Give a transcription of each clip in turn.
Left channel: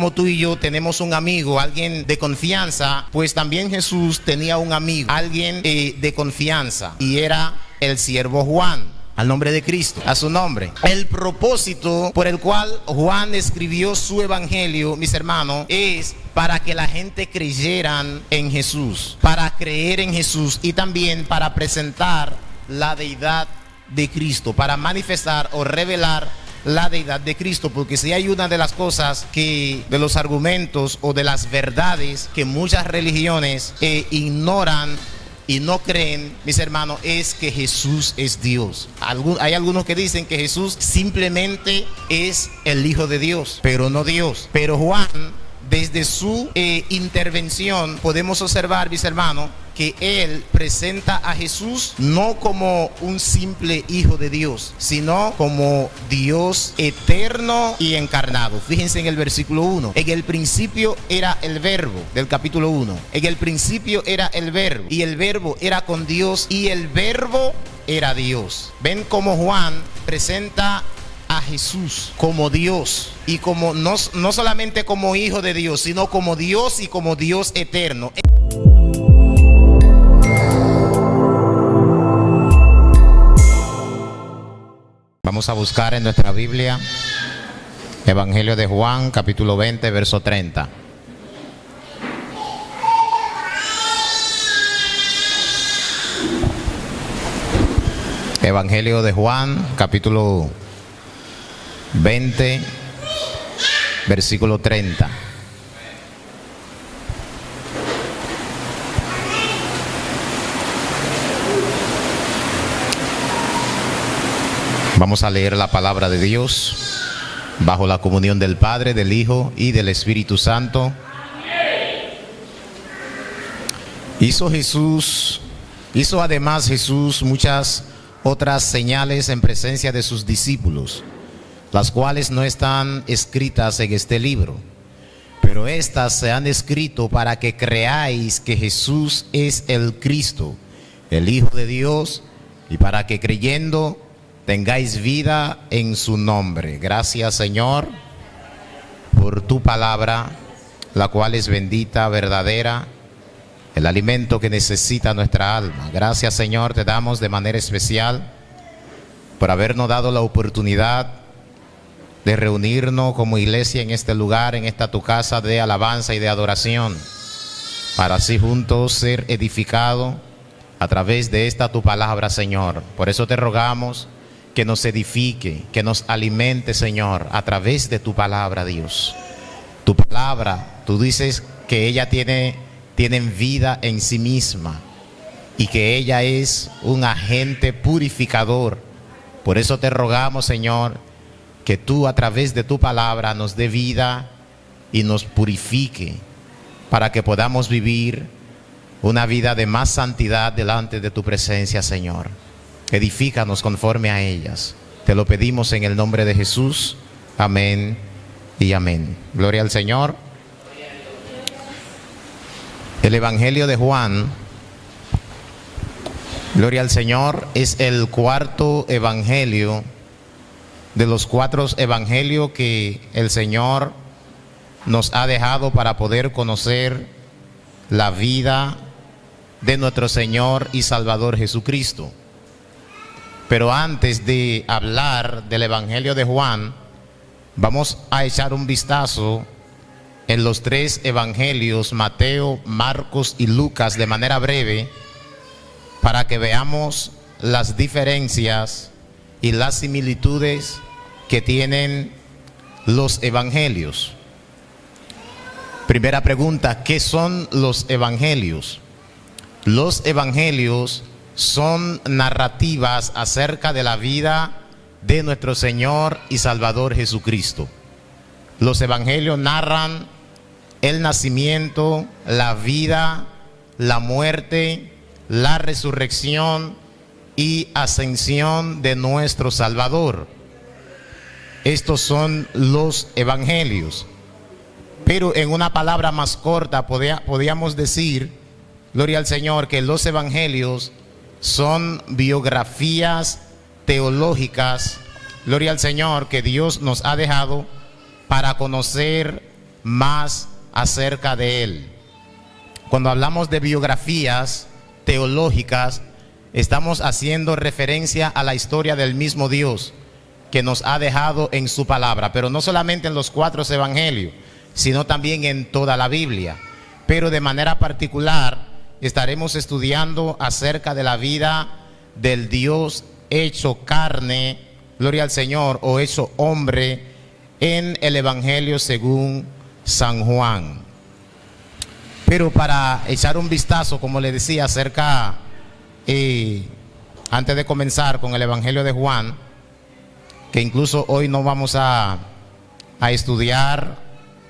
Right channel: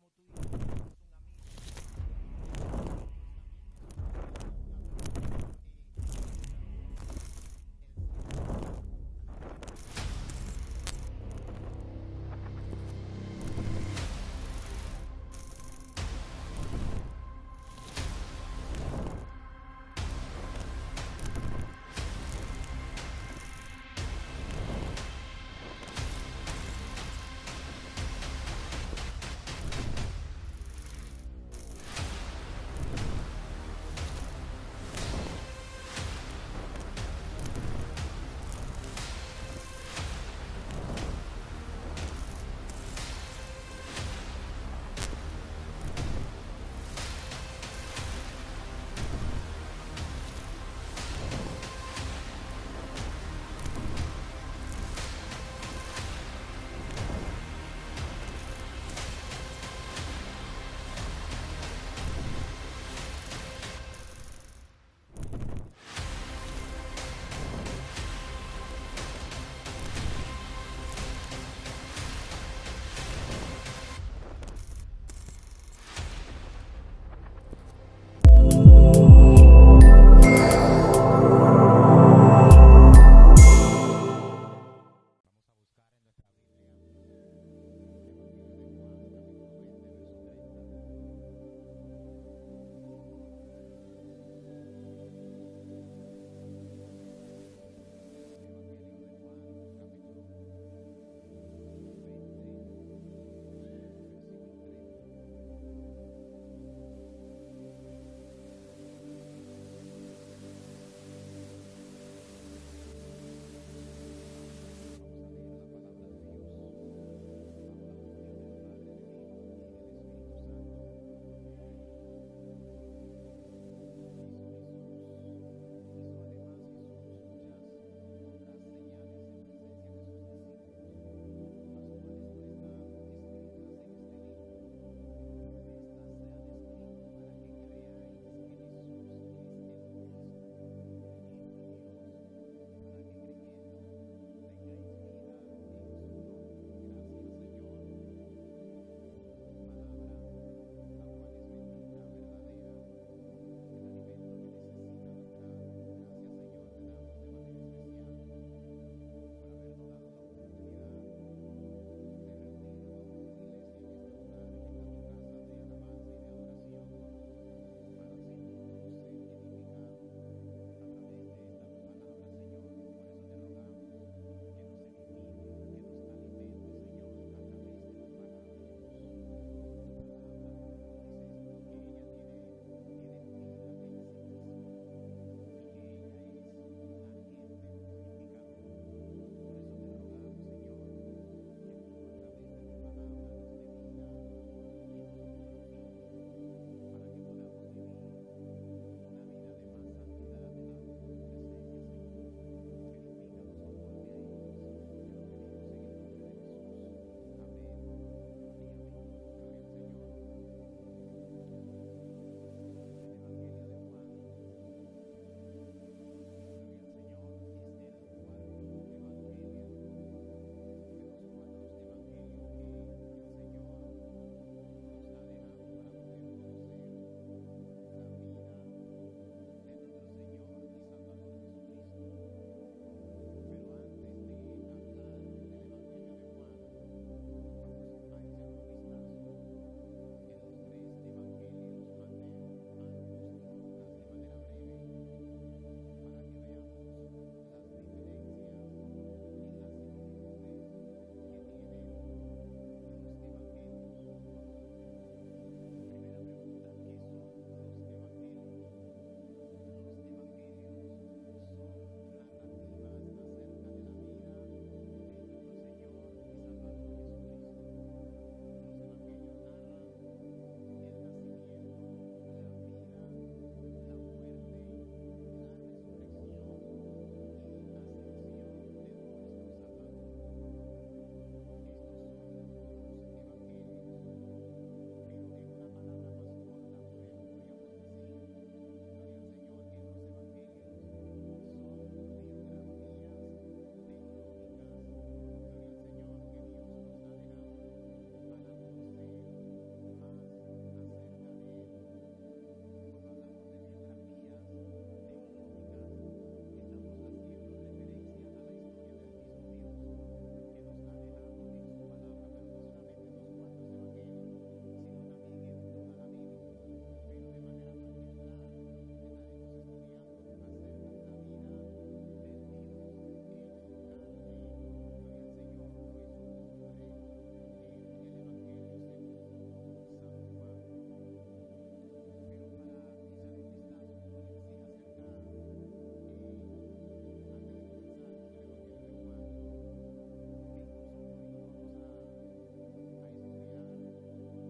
como tú y yo tenemos un amigo, alguien de confianza, pues también Jesús tenía un amigo, alguien de confianza, y era el siervo Juan. Al nombre de Cristo, a su nombre. El propósito por el cual Juan escribió su evangelio, mis hermanos, es para que la gente creyeran en Jesús, para creer en Jesús y también para presentar la deidad de Cristo, para manifestar o revelar la deidad de Cristo. Porque si hay una de las cosas de los argumentos o de las verdades que muchas religiones ignoran y no creen, mis hermanos, es que Jesús es Dios. Hay algunos que dicen que Jesús simplemente es el Hijo de Dios, pero no Dios. Pero Juan, desde su intervención, podemos observar, mis hermanos, que él presenta a Jesús no como un simple hijo de Dios, sino como Dios eterno y encarnado. Fíjense en el versículo 1. En el principio era el verbo, del capítulo 1. En el principio era el verbo, y el verbo era con Dios, y el verbo era Dios. Ven cómo Juan presenta a Jesús como Dios, y como no solamente como hijo de Dios, sino como Dios y como Dios eterno. Vamos a buscar en nuestra Biblia Evangelio de Juan, capítulo 20, verso 30. Evangelio de Juan, capítulo 20, versículo 30. Vamos a leer la palabra de Dios bajo la comunión del Padre, del Hijo y del Espíritu Santo. Hizo además Jesús muchas otras señales en presencia de sus discípulos, las cuales no están escritas en este libro, pero estas se han escrito para que creáis que Jesús es el Cristo, el Hijo de Dios, y para que creyendo tengáis vida en su nombre. Gracias, Señor, por tu palabra, la cual es bendita, verdadera, el alimento que necesita nuestra alma. Gracias, Señor, te damos de manera especial por habernos dado la oportunidad de reunirnos como iglesia en este lugar, en esta tu casa de alabanza y de adoración, para así juntos ser edificados a través de esta tu palabra, Señor. Por eso te rogamos que nos edifique, que nos alimente, Señor, a través de tu palabra, Dios. Tu palabra, tú dices que ella tiene vida en sí misma y que ella es un agente purificador. Por eso te rogamos, Señor, que tú a través de tu palabra nos dé vida y nos purifique para que podamos vivir una vida de más santidad delante de tu presencia, Señor. Edifícanos conforme a ellas. Te lo pedimos en el nombre de Jesús. Amén y amén. Gloria al Señor. El Evangelio de Juan, gloria al Señor, es el cuarto evangelio de los 4 evangelios que el Señor nos ha dejado para poder conocer la vida de nuestro Señor y Salvador Jesucristo. Pero antes de hablar del Evangelio de Juan, vamos a echar un vistazo en los 3 evangelios, Mateo, Marcos y Lucas, de manera breve, para que veamos las diferencias y las similitudes que tienen los evangelios. Primera pregunta, ¿qué son los evangelios? Los evangelios son narrativas acerca de la vida de nuestro Señor y Salvador Jesucristo. Los evangelios narran el nacimiento, la vida, la muerte, la resurrección y ascensión de nuestro Salvador. Estos son los evangelios. Pero en una palabra más corta podríamos decir, gloria al Señor, que los evangelios son biografías teológicas, gloria al Señor, que Dios nos ha dejado para conocer más acerca de él. Cuando hablamos de biografías teológicas, estamos haciendo referencia a la historia del mismo Dios que nos ha dejado en su palabra, pero no solamente en los 4 evangelios, sino también en toda la Biblia. Pero de manera particular estaremos estudiando acerca de la vida del Dios hecho carne, gloria al Señor, o hecho hombre, en el Evangelio según San Juan. Pero para echar un vistazo, como le decía, acerca, antes de comenzar con el Evangelio de Juan, que incluso hoy no vamos a estudiar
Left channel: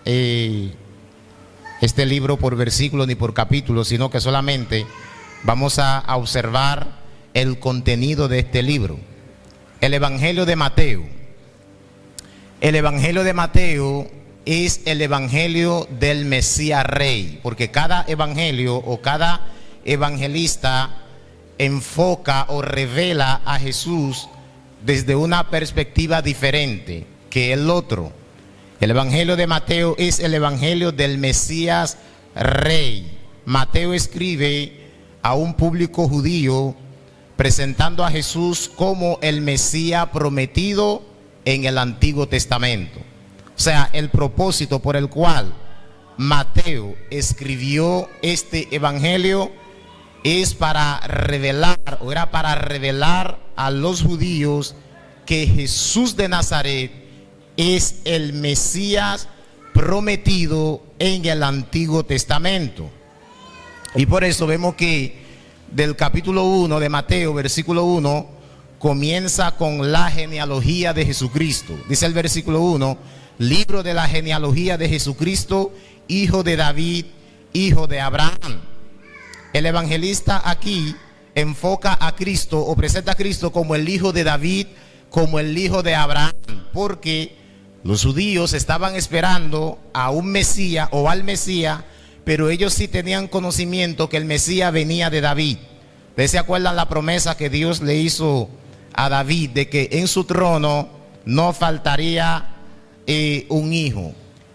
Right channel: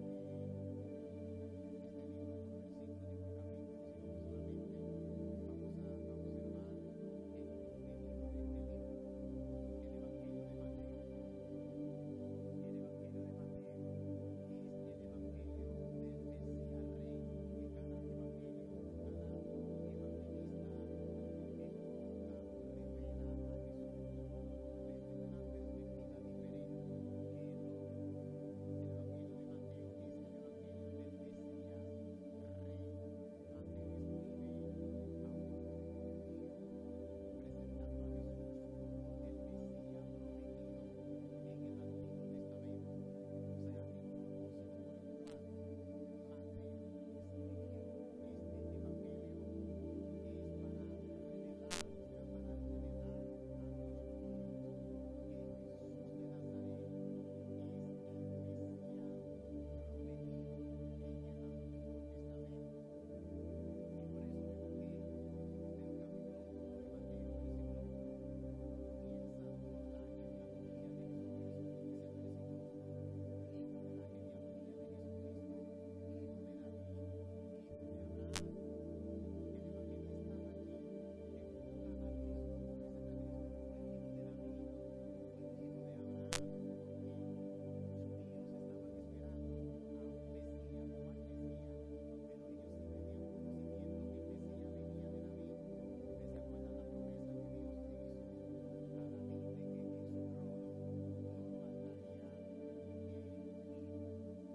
este libro por versículo ni por capítulo, sino que solamente vamos a observar el contenido de este libro. El Evangelio de Mateo. El Evangelio de Mateo es el Evangelio del Mesías Rey, porque cada evangelio o cada evangelista enfoca o revela a Jesús desde una perspectiva diferente que el otro. El Evangelio de Mateo es el Evangelio del Mesías Rey. Mateo escribe a un público judío presentando a Jesús como el Mesías prometido en el Antiguo Testamento. O sea, el propósito por el cual Mateo escribió este Evangelio es para revelar, o era para revelar a los judíos que Jesús de Nazaret es el Mesías prometido en el Antiguo Testamento. Y por eso vemos que del capítulo 1 de Mateo, versículo 1, comienza con la genealogía de Jesucristo. Dice el versículo 1, libro de la genealogía de Jesucristo, hijo de David, hijo de Abraham. El evangelista aquí enfoca a Cristo o presenta a Cristo como el hijo de David, como el hijo de Abraham, porque los judíos estaban esperando a un Mesías o al Mesías, pero ellos sí tenían conocimiento que el Mesías venía de David. ¿Ustedes se acuerdan la promesa que Dios le hizo a David de que en su trono no faltaría un hijo?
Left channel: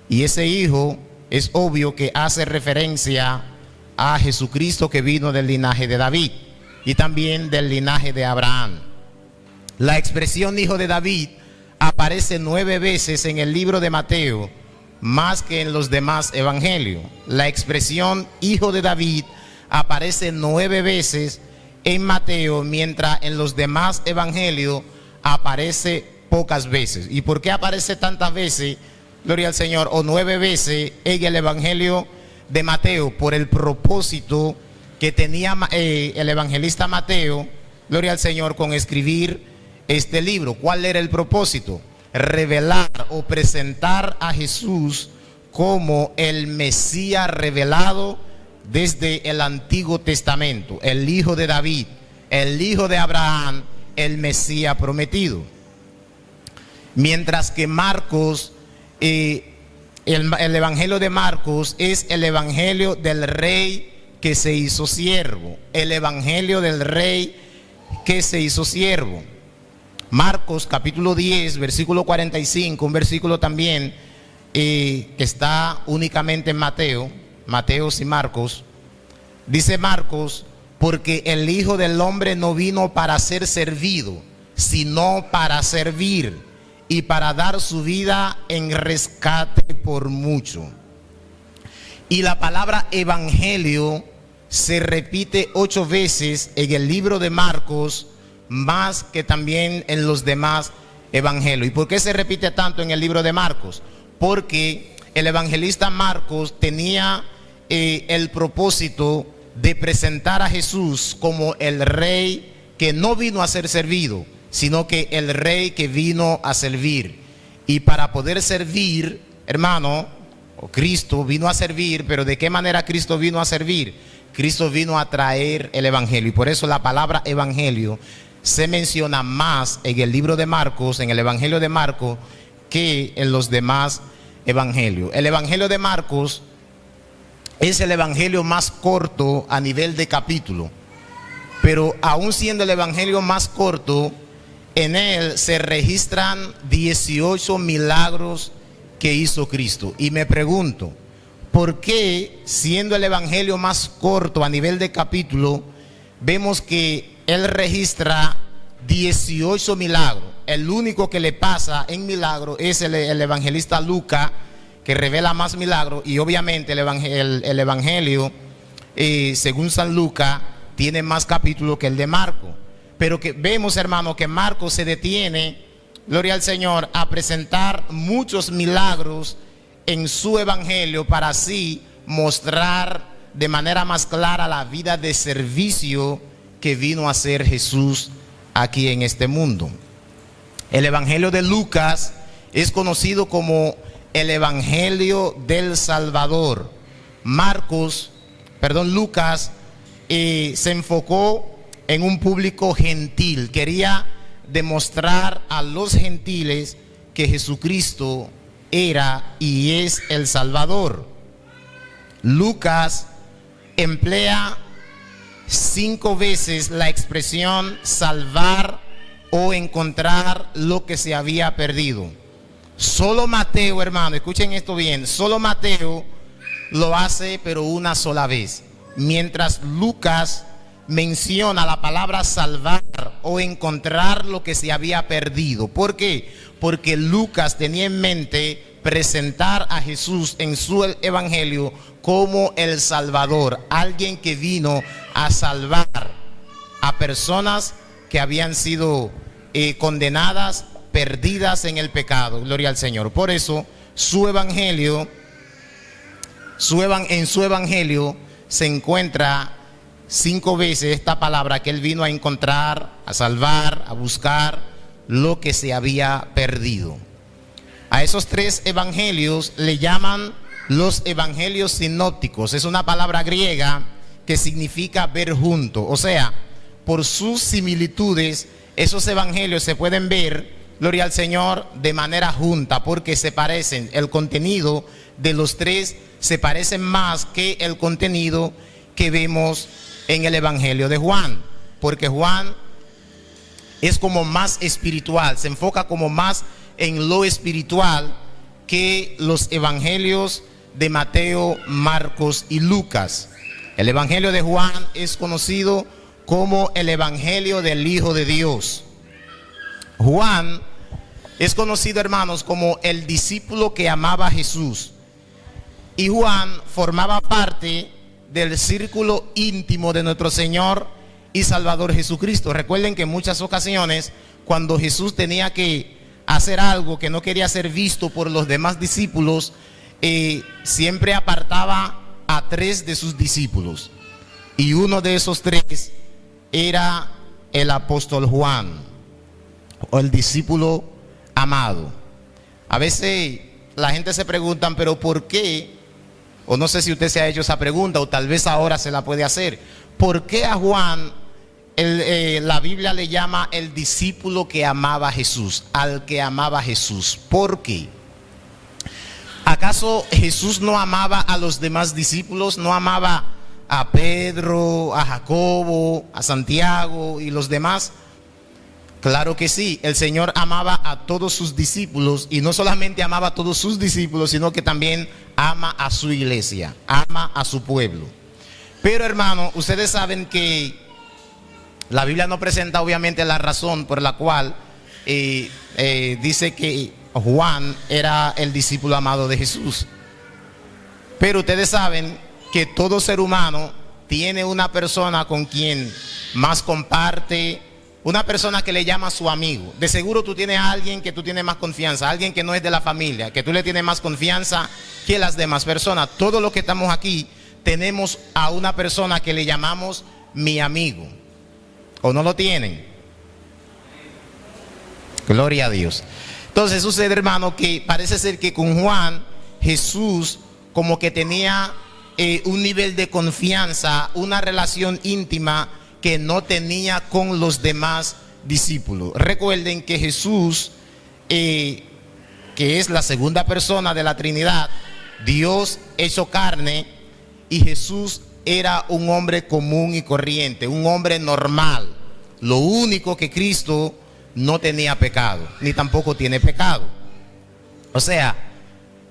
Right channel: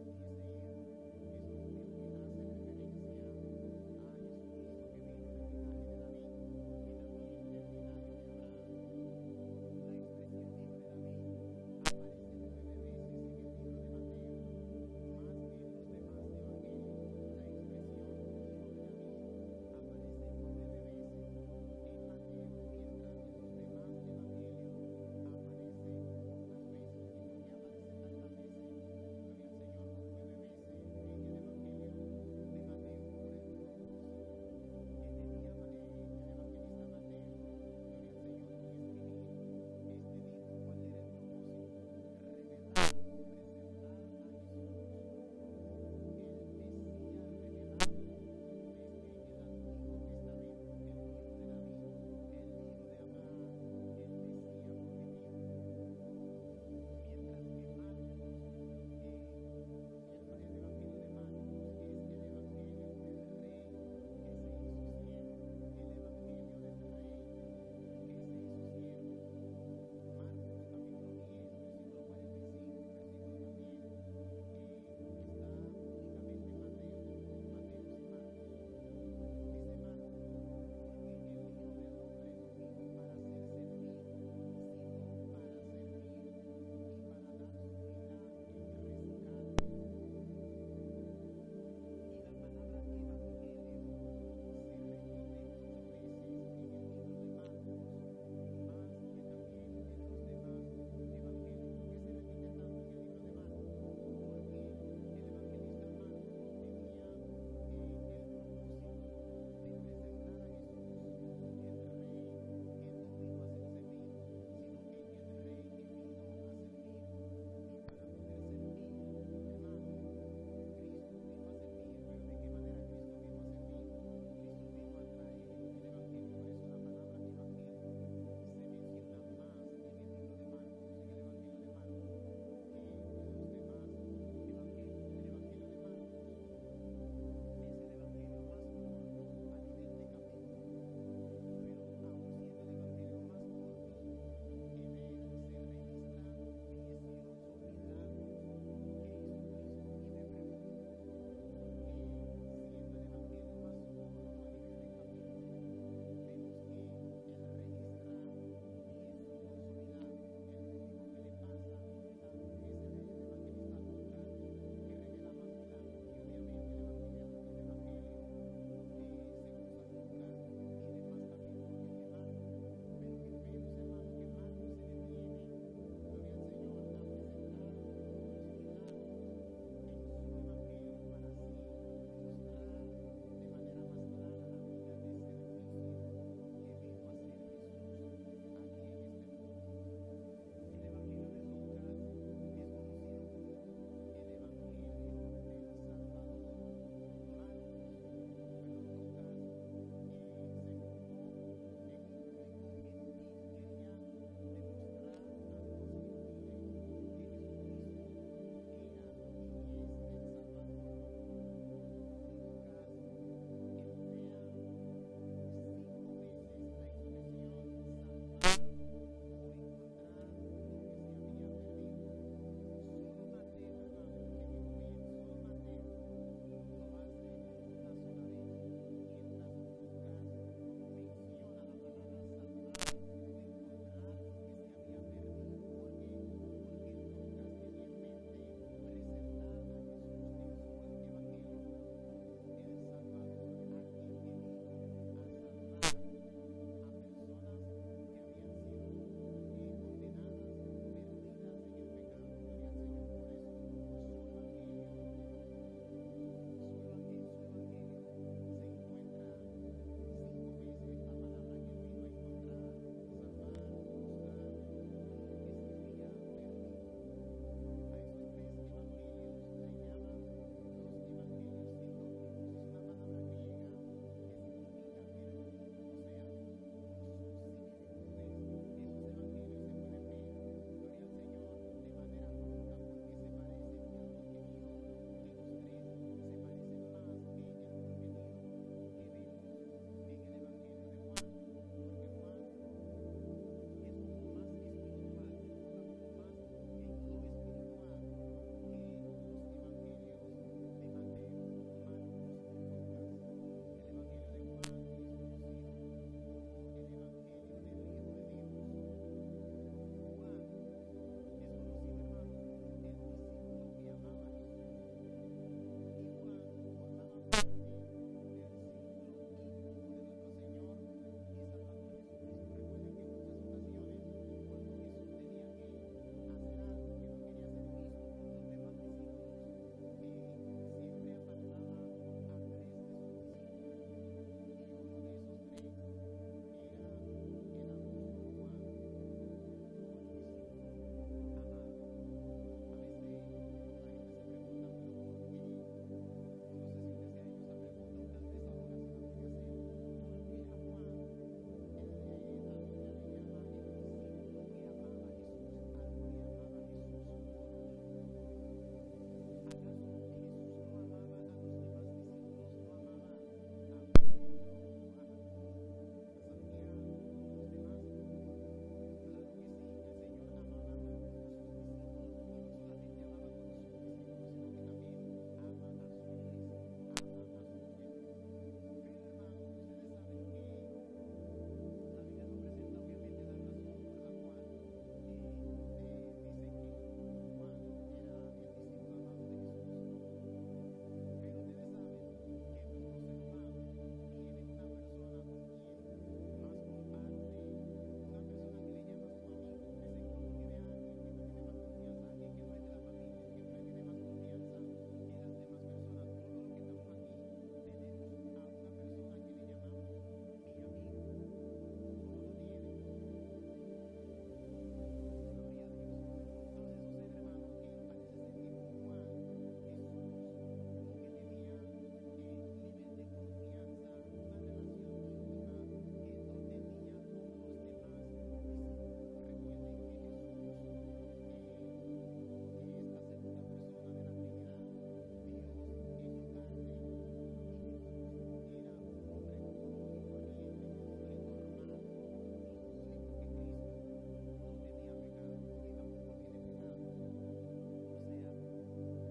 Y ese hijo es obvio que hace referencia a Jesucristo, que vino del linaje de David y también del linaje de Abraham. La expresión hijo de David aparece 9 veces en el libro de Mateo, más que en los demás evangelios. La expresión hijo de David aparece 9 veces en Mateo, mientras en los demás evangelios aparece pocas veces. ¿Y por qué aparece tantas veces, gloria al Señor, o 9 veces en el evangelio de Mateo? Por el propósito que tenía el evangelista Mateo, gloria al Señor, con escribir este libro. ¿Cuál era el propósito? Revelar o presentar a Jesús como el Mesías revelado desde el Antiguo Testamento, el hijo de David, el hijo de Abraham, el Mesías prometido. Mientras que Marcos, el evangelio de Marcos es el evangelio del rey que se hizo siervo, el evangelio del rey que se hizo siervo. Marcos capítulo 10, versículo 45, un versículo también que está únicamente en Mateo y Marcos. Dice Marcos, porque el Hijo del Hombre no vino para ser servido, sino para servir y para dar su vida en rescate por mucho. Y la palabra evangelio se repite 8 veces en el libro de Marcos, más que también en los demás evangelios. ¿Y por qué se repite tanto en el libro de Marcos? Porque el evangelista Marcos tenía el propósito de presentar a Jesús como el rey que no vino a ser servido, sino que el rey que vino a servir. Y para poder servir, hermano, Cristo vino a servir. Pero ¿de qué manera Cristo vino a servir? Cristo vino a traer el evangelio, y por eso la palabra evangelio se menciona más en el libro de Marcos, en el evangelio de Marcos, que en los demás evangelios. El evangelio de Marcos es el evangelio más corto a nivel de capítulo, pero aún siendo el evangelio más corto, en él se registran 18 milagros que hizo Cristo. Y me pregunto, ¿por qué, siendo el evangelio más corto a nivel de capítulo, vemos que él registra 18 milagros? El único que le pasa en milagro es el evangelista Lucas, que revela más milagros, y obviamente el evangelio, según San Lucas, tiene más capítulos que el de Marco. Pero que vemos, hermano, que Marcos se detiene, gloria al Señor, a presentar muchos milagros en su evangelio para así mostrar de manera más clara la vida de servicio que vino a hacer Jesús aquí en este mundo. El evangelio de Lucas es conocido como el evangelio del Salvador. Lucas se enfocó en un público gentil. Quería demostrar a los gentiles que Jesucristo era y es el Salvador. Lucas emplea 5 veces la expresión salvar o encontrar lo que se había perdido. Solo Mateo, hermano, escuchen esto bien, solo Mateo lo hace pero una sola vez, mientras Lucas menciona la palabra salvar o encontrar lo que se había perdido. ¿Por qué? Porque Lucas tenía en mente presentar a Jesús en su evangelio como el Salvador, alguien que vino a salvar a personas que habían sido condenadas, perdidas en el pecado. Gloria al Señor. Por eso en su evangelio se encuentra 5 veces esta palabra, que él vino a encontrar, a salvar, a buscar lo que se había perdido. A esos 3 evangelios le llaman los evangelios sinópticos. Es una palabra griega que significa ver junto. O sea, por sus similitudes, esos evangelios se pueden ver, gloria al Señor, de manera junta, porque se parecen. El contenido de los 3 se parecen más que el contenido que vemos en el evangelio de Juan, porque Juan es como más espiritual, se enfoca como más en lo espiritual que los evangelios de Mateo, Marcos y Lucas. El evangelio de Juan es conocido como el evangelio del Hijo de Dios. Juan es conocido, hermanos, como el discípulo que amaba a Jesús, y Juan formaba parte del círculo íntimo de nuestro Señor y Salvador Jesucristo. Recuerden que en muchas ocasiones, cuando Jesús tenía que hacer algo que no quería ser visto por los demás discípulos, siempre apartaba a 3 de sus discípulos, y uno de esos 3 era el apóstol Juan, o el discípulo amado. A veces la gente se pregunta, pero ¿por qué? O no sé si usted se ha hecho esa pregunta, o tal vez ahora se la puede hacer. ¿Por qué a Juan la Biblia le llama el discípulo que amaba a Jesús, al que amaba a Jesús? ¿Por qué? ¿Acaso Jesús no amaba a los demás discípulos? ¿No amaba a Pedro, a Jacobo, a Santiago y los demás? Claro que sí, el Señor amaba a todos sus discípulos, y no solamente amaba a todos sus discípulos, sino que también ama a su iglesia, ama a su pueblo. Pero, hermano, ustedes saben que la Biblia no presenta obviamente la razón por la cual dice que Juan era el discípulo amado de Jesús. Pero ustedes saben que todo ser humano tiene una persona con quien más comparte, una persona que le llama su amigo. De seguro tú tienes a alguien que tú tienes más confianza, alguien que no es de la familia, que tú le tienes más confianza que las demás personas. Todos los que estamos aquí tenemos a una persona que le llamamos mi amigo. ¿O no lo tienen? Gloria a Dios. Entonces sucede, hermano, que parece ser que con Juan, Jesús como que tenía un nivel de confianza, una relación íntima que no tenía con los demás discípulos. Recuerden que Jesús, que es la segunda persona de la Trinidad, Dios hecho carne, y Jesús era un hombre común y corriente, un hombre normal. Lo único que Cristo no tenía pecado, ni tampoco tiene pecado. O sea,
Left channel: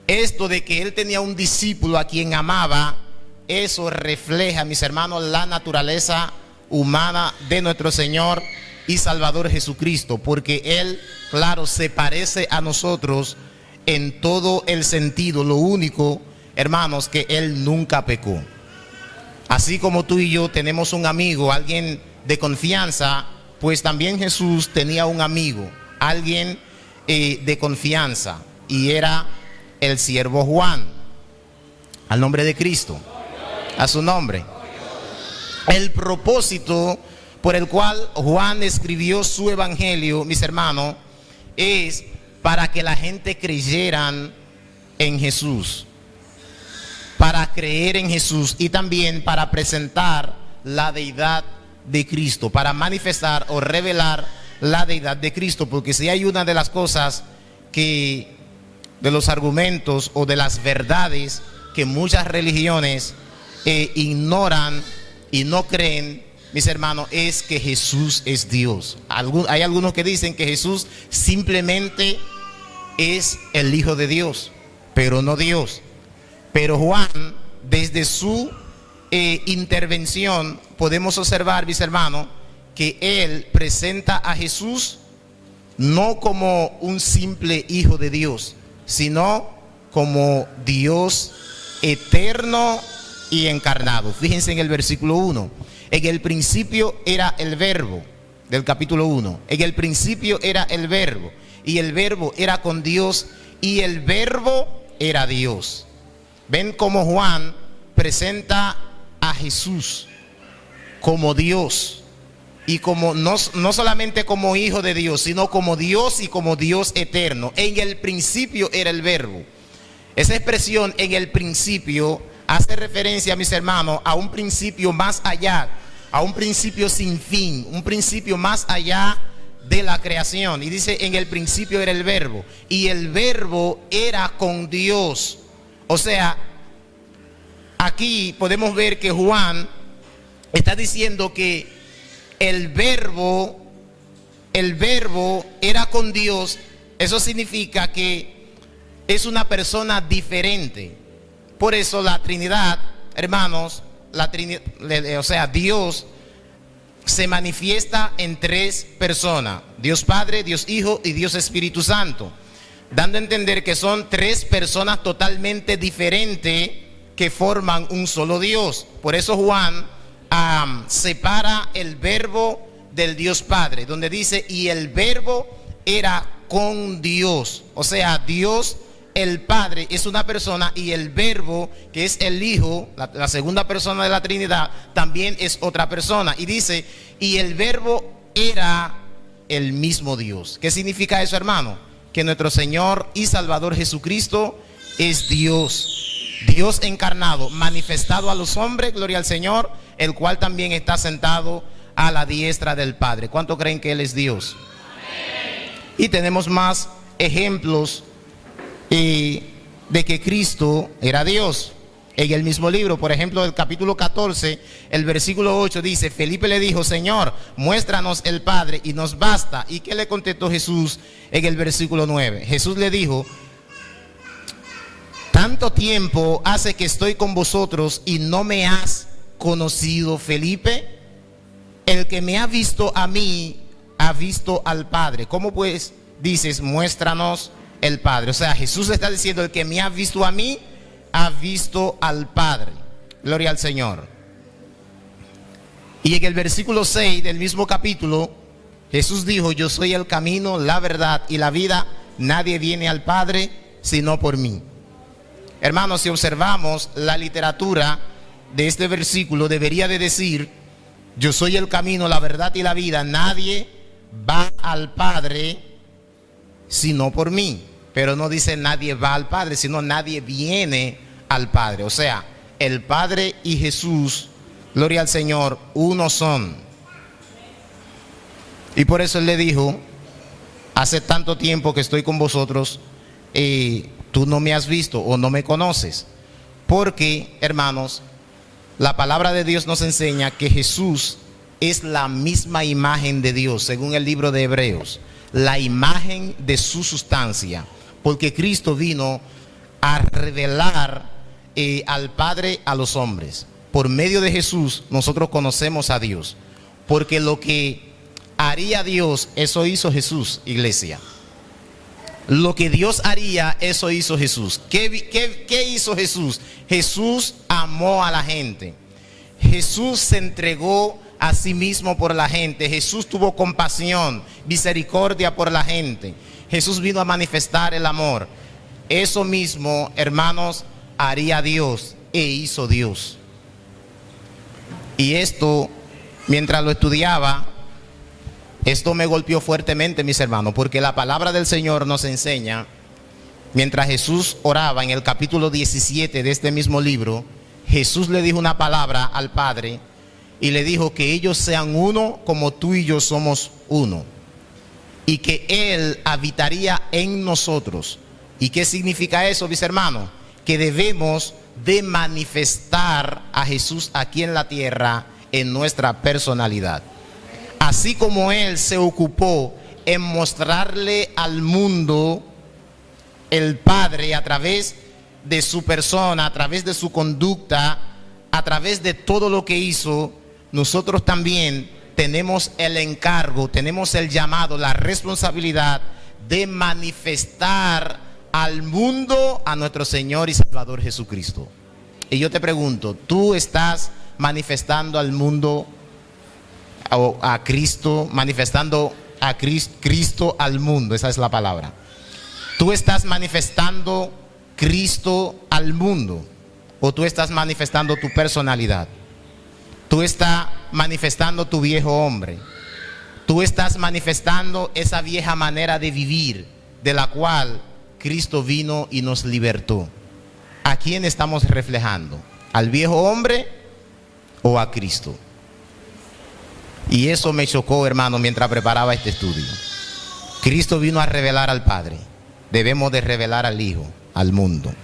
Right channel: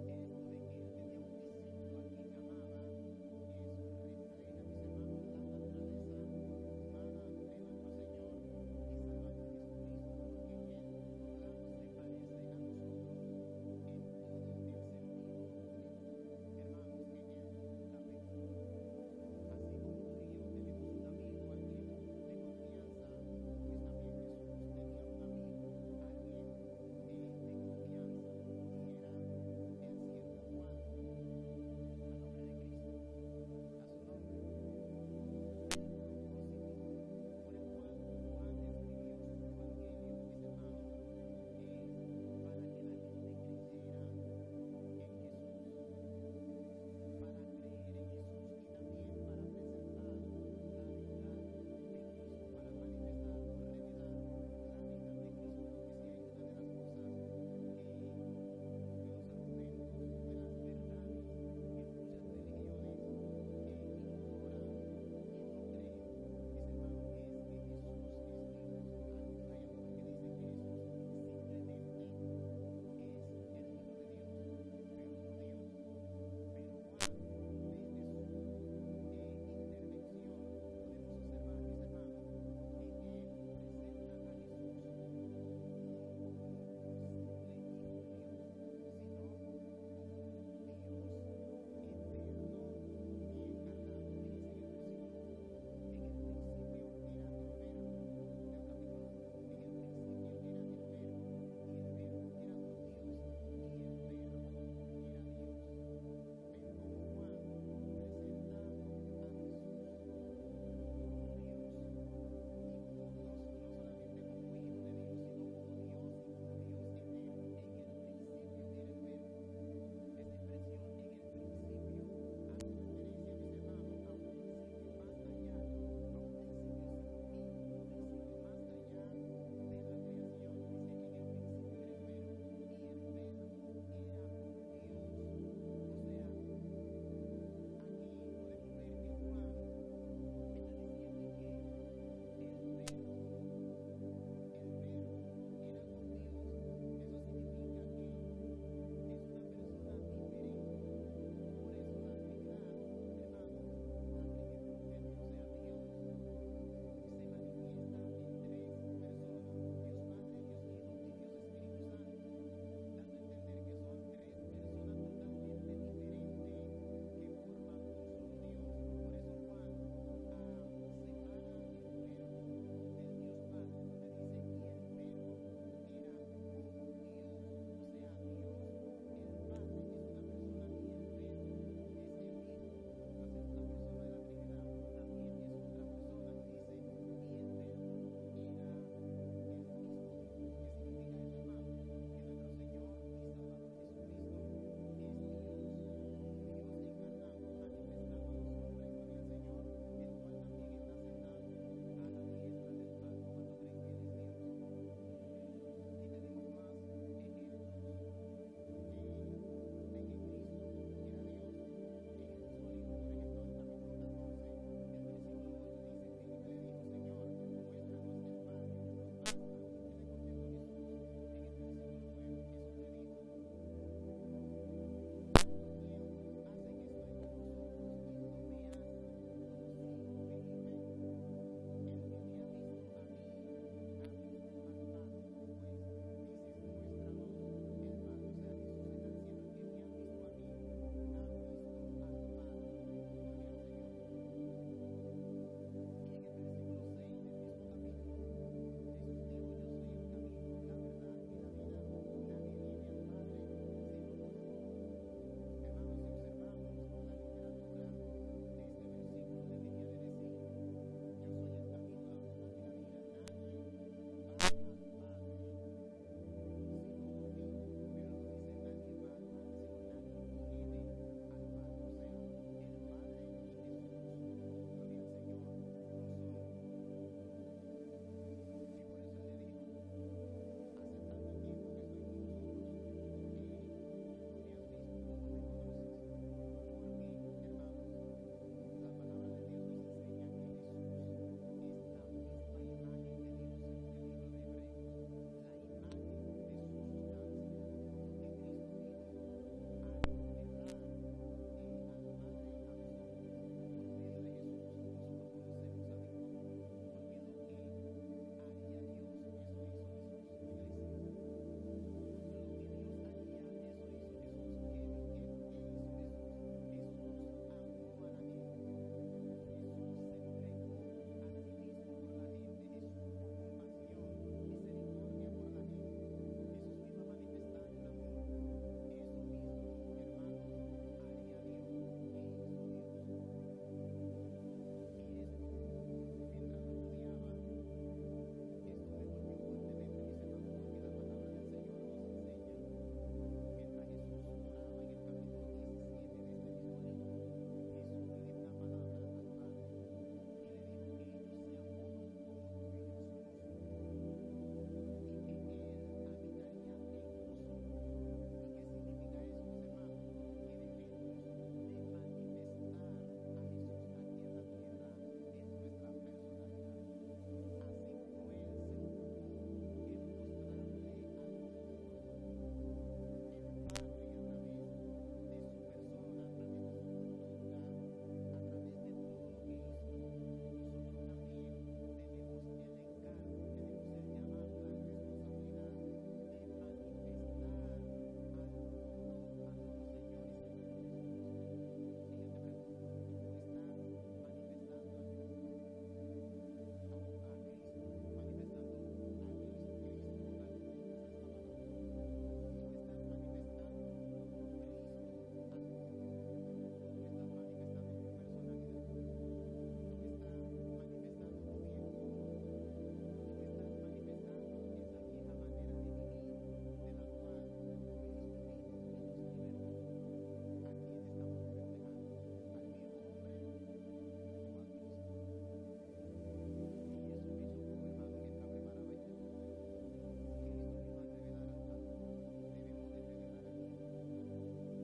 esto de que él tenía un discípulo a quien amaba, eso refleja, mis hermanos, la naturaleza humana de nuestro Señor y Salvador Jesucristo, porque él, claro, se parece a nosotros en todo el sentido. Lo único, hermanos, que él nunca pecó. Así como tú y yo tenemos un amigo, alguien de confianza, pues también Jesús tenía un amigo, alguien de confianza, y era el siervo Juan, al nombre de Cristo, a su nombre. El propósito por el cual Juan escribió su evangelio, mis hermanos, es para que la gente creyeran en Jesús, para creer en Jesús, y también para presentar la deidad de Cristo, para manifestar o revelar la deidad de Cristo. Porque si hay una de las cosas que, de los argumentos o de las verdades que muchas religiones ignoran y no creen, mis hermanos, es que Jesús es Dios. Hay algunos que dicen que Jesús simplemente es el Hijo de Dios, pero no Dios. Pero Juan, desde su intervención, podemos observar, mis hermanos, que él presenta a Jesús no como un simple Hijo de Dios, sino como Dios eterno y encarnado. Fíjense en el versículo 1. En el principio era el verbo, del capítulo 1. En el principio era el verbo, y el verbo era con Dios, y el verbo era Dios. Ven cómo Juan presenta a Jesús como Dios, y como no solamente como Hijo de Dios, sino como Dios y como Dios eterno. En el principio era el verbo. Esa expresión, en el principio, hace referencia, mis hermanos, a un principio más allá, a un principio sin fin, un principio más allá de la creación. Y dice, en el principio era el verbo, y el verbo era con Dios. O sea, aquí podemos ver que Juan está diciendo que el verbo era con Dios. Eso significa que es una persona diferente. Por eso la Trinidad, hermanos, o sea, Dios se manifiesta en tres personas: Dios Padre, Dios Hijo y Dios Espíritu Santo, dando a entender que son tres personas totalmente diferentes que forman un solo Dios. Por eso Juan separa el verbo del Dios Padre, donde dice, y el verbo era con Dios. O sea, Dios el Padre es una persona, y el verbo, que es el Hijo, la segunda persona de la Trinidad, también es otra persona. Y dice, y el verbo era el mismo Dios. ¿Qué significa eso, hermano? Que nuestro Señor y Salvador Jesucristo es Dios, Dios encarnado, manifestado a los hombres, gloria al Señor, el cual también está sentado a la diestra del Padre. ¿Cuánto creen que Él es Dios? Y tenemos más ejemplos de que Cristo era Dios. En el mismo libro, por ejemplo, el capítulo 14, el versículo 8 dice, Felipe le dijo, Señor, muéstranos el Padre y nos basta. ¿Y qué le contestó Jesús en el versículo 9? Jesús le dijo, tanto tiempo hace que estoy con vosotros y no me has conocido, Felipe. El que me ha visto a mí, ha visto al Padre. ¿Cómo pues dices, muéstranos el Padre? O sea, Jesús está diciendo, el que me ha visto a mí, ha visto al Padre. Gloria al Señor. Y en el versículo 6 del mismo capítulo, Jesús dijo, yo soy el camino, la verdad y la vida. Nadie viene al Padre sino por mí. Hermanos, si observamos la literatura de este versículo, debería de decir, yo soy el camino, la verdad y la vida. Nadie va al Padre sino por mí. Pero no dice nadie va al Padre, sino nadie viene al Padre. O sea, el Padre y Jesús, gloria al Señor, uno son. Y por eso Él le dijo, hace tanto tiempo que estoy con vosotros, tú no me has visto o no me conoces. Porque, hermanos, la palabra de Dios nos enseña que Jesús es la misma imagen de Dios, según el libro de Hebreos, la imagen de su sustancia. Porque Cristo vino a revelar al Padre a los hombres. Por medio de Jesús nosotros conocemos a Dios, porque lo que haría Dios, eso hizo Jesús, iglesia. Lo que Dios haría, eso hizo Jesús. ¿Qué hizo Jesús? Jesús amó a la gente. Jesús se entregó a sí mismo por la gente. Jesús tuvo compasión, misericordia por la gente. Jesús vino a manifestar el amor. Eso mismo, hermanos, haría Dios e hizo Dios. Y esto, mientras lo estudiaba, esto me golpeó fuertemente, mis hermanos, porque la palabra del Señor nos enseña, mientras Jesús oraba en el capítulo 17 de este mismo libro, Jesús le dijo una palabra al Padre y le dijo que ellos sean uno como tú y yo somos uno, y que Él habitaría en nosotros. ¿Y qué significa eso, mis hermanos? Que debemos de manifestar a Jesús aquí en la tierra en nuestra personalidad. Así como Él se ocupó en mostrarle al mundo el Padre a través de su persona, a través de su conducta, a través de todo lo que hizo, nosotros también tenemos el encargo, tenemos el llamado, la responsabilidad de manifestar al mundo a nuestro Señor y Salvador Jesucristo. Y yo te pregunto, ¿tú estás manifestando al mundo a Cristo, manifestando a Cristo al mundo? Esa es la palabra. ¿Tú estás manifestando Cristo al mundo o tú estás manifestando tu personalidad? ¿Tú estás manifestando tu viejo hombre? ¿Tú estás manifestando esa vieja manera de vivir de la cual Cristo vino y nos libertó? ¿A quién estamos reflejando? ¿Al viejo hombre o a Cristo? Y eso me chocó, hermano, mientras preparaba este estudio. Cristo vino a revelar al Padre. Debemos de revelar al Hijo, al mundo.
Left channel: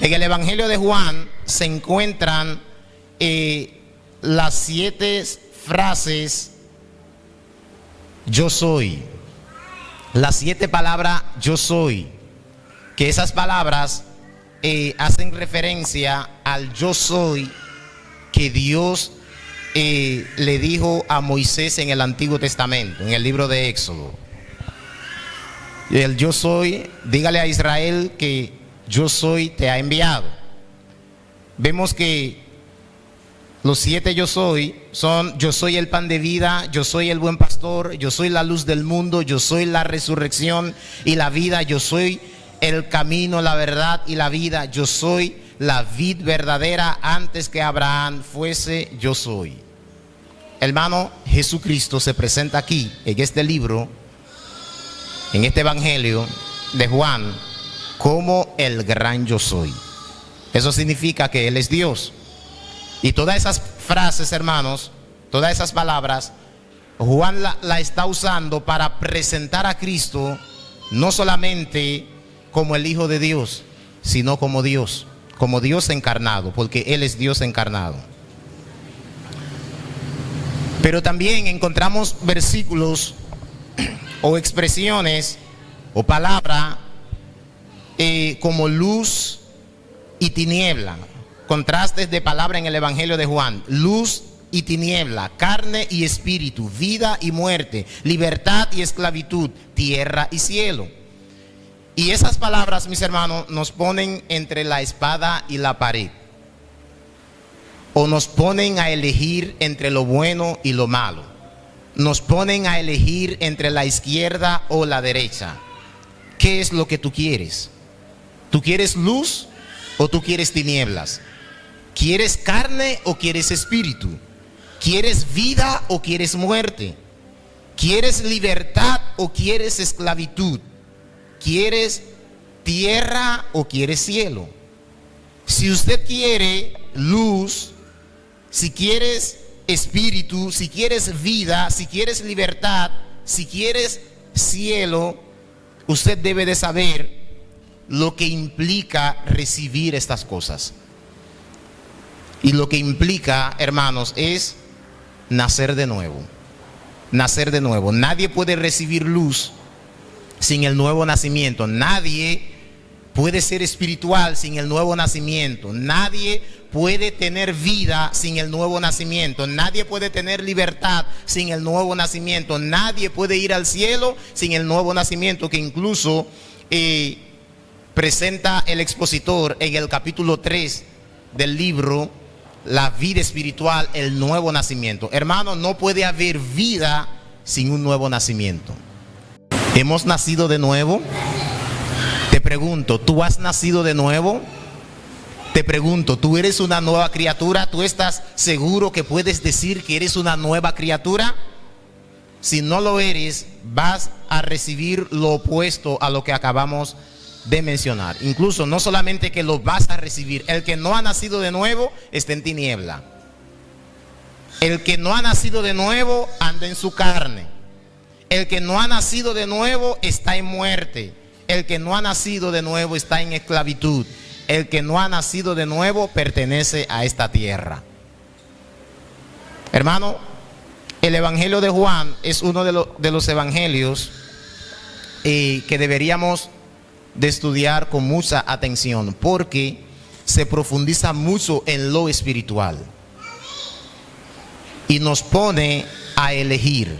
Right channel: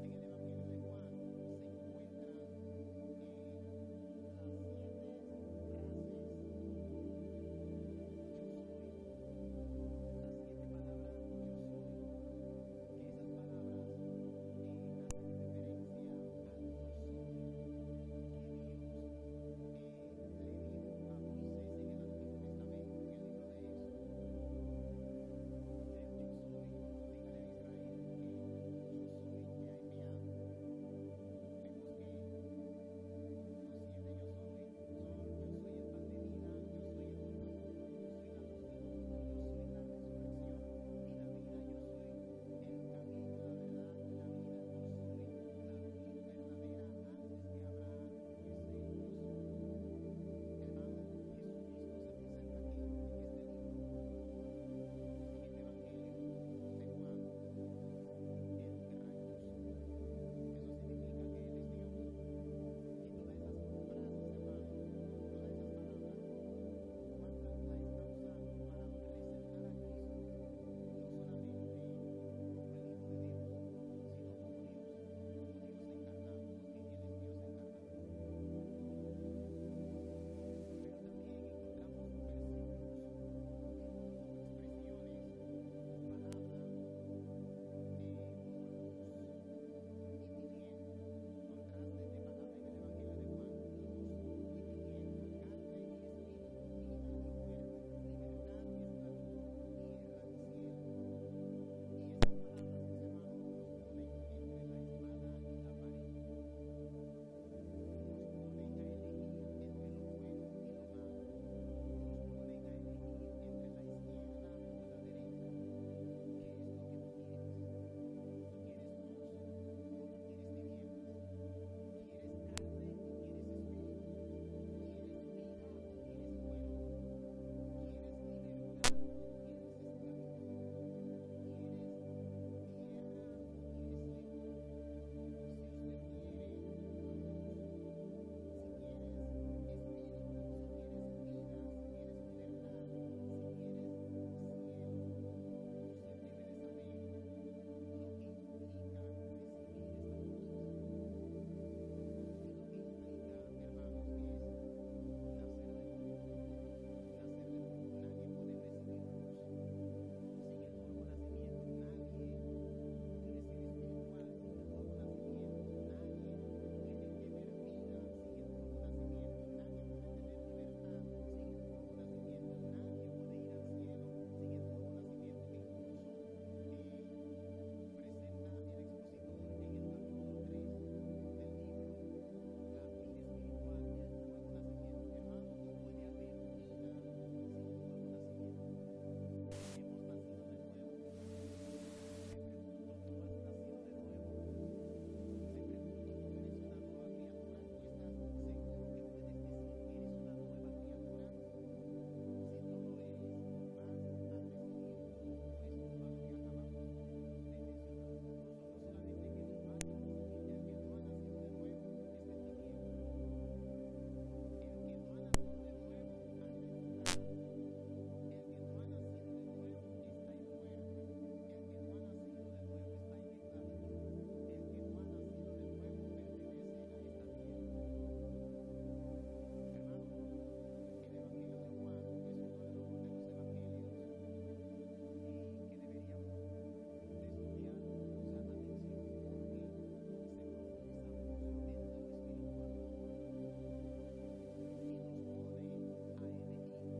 En el Evangelio de Juan se encuentran las 7 frases yo soy. Las 7 palabras yo soy. Que esas palabras hacen referencia al yo soy que Dios le dijo a Moisés en el Antiguo Testamento, en el libro de Éxodo. El yo soy, dígale a Israel que yo soy te ha enviado. Vemos que los 7 yo soy son: yo soy el pan de vida, yo soy el buen pastor, yo soy la luz del mundo, yo soy la resurrección y la vida, yo soy el camino, la verdad y la vida, yo soy la vid verdadera. Antes que Abraham fuese, yo soy. Hermano, Jesucristo se presenta aquí en este libro, en este Evangelio de Juan, como el gran yo soy. Eso significa que Él es Dios. Y todas esas frases, hermanos, todas esas palabras, Juan la está usando para presentar a Cristo no solamente como el Hijo de Dios, sino como Dios encarnado, porque Él es Dios encarnado. Pero también encontramos versículos o expresiones o palabra como luz y tiniebla. Contrastes de palabra en el Evangelio de Juan: luz y tiniebla, carne y espíritu, vida y muerte, libertad y esclavitud, tierra y cielo. Y esas palabras, mis hermanos, nos ponen entre la espada y la pared, o nos ponen a elegir entre lo bueno y lo malo, nos ponen a elegir entre la izquierda o la derecha. ¿Qué es lo que tú quieres? ¿Tú quieres luz o tú quieres tinieblas? ¿Quieres carne o quieres espíritu? ¿Quieres vida o quieres muerte? ¿Quieres libertad o quieres esclavitud? ¿Quieres tierra o quieres cielo? Si usted quiere luz, si quieres espíritu, si quieres vida, si quieres libertad, si quieres cielo, usted debe de saber lo que implica recibir estas cosas. Y lo que implica, hermanos, es nacer de nuevo. Nacer de nuevo. Nadie puede recibir luz sin el nuevo nacimiento. Nadie puede ser espiritual sin el nuevo nacimiento. Nadie puede tener vida sin el nuevo nacimiento. Nadie puede tener libertad sin el nuevo nacimiento. Nadie puede ir al cielo sin el nuevo nacimiento, que incluso presenta el expositor en el capítulo 3 del libro La vida espiritual, el nuevo nacimiento. Hermano, no puede haber vida sin un nuevo nacimiento. ¿Hemos nacido de nuevo? Te pregunto, ¿tú has nacido de nuevo? Te pregunto, ¿tú eres una nueva criatura? ¿Tú estás seguro que puedes decir que eres una nueva criatura? Si no lo eres, vas a recibir lo opuesto a lo que acabamos de mencionar. Incluso no solamente que lo vas a recibir, el que no ha nacido de nuevo está en tiniebla. El que no ha nacido de nuevo anda en su carne. El que no ha nacido de nuevo está en muerte. El que no ha nacido de nuevo está en esclavitud. El que no ha nacido de nuevo pertenece a esta tierra. Hermano, el Evangelio de Juan es uno de los evangelios que deberíamos de estudiar con mucha atención, porque se profundiza mucho en lo espiritual y nos pone a elegir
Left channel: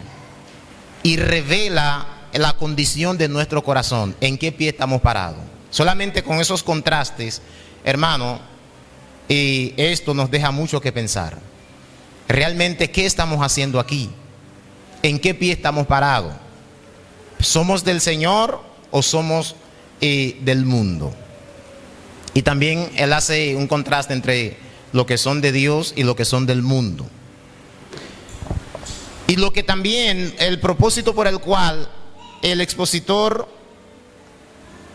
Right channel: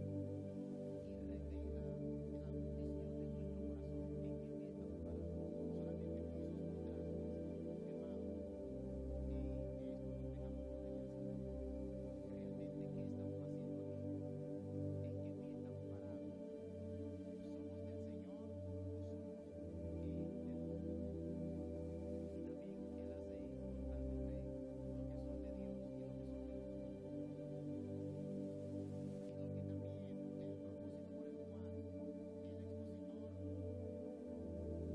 y revela la condición de nuestro corazón, en qué pie estamos parados. Solamente con esos contrastes, hermano, esto nos deja mucho que pensar. Realmente, ¿qué estamos haciendo aquí? ¿En qué pie estamos parados? ¿Somos del Señor o somos del mundo? Y también él hace un contraste entre lo que son de Dios y lo que son del mundo. Y lo que también, el propósito por el cual el expositor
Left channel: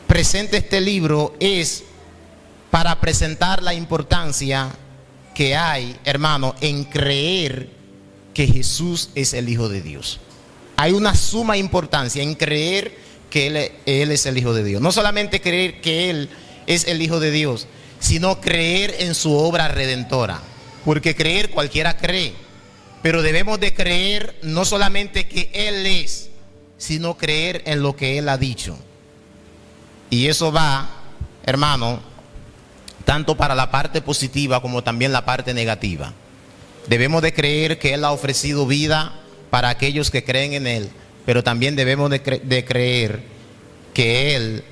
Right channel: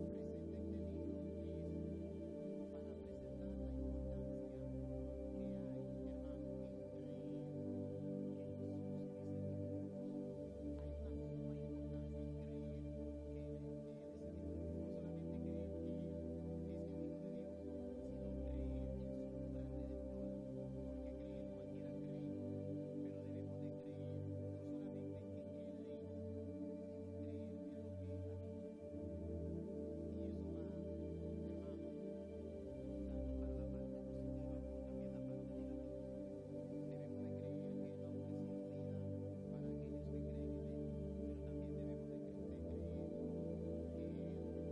presenta este libro es para presentar la importancia que hay, hermano, en creer que Jesús es el Hijo de Dios. Hay una suma importancia en creer que Él es el Hijo de Dios. No solamente creer que Él es el Hijo de Dios, sino creer en su obra redentora. Porque creer cualquiera cree, pero debemos de creer no solamente que Él es, sino creer en lo que Él ha dicho. Y eso va, hermano, tanto para la parte positiva como también la parte negativa. Debemos de creer que Él ha ofrecido vida para aquellos que creen en Él, pero también debemos de creer que Él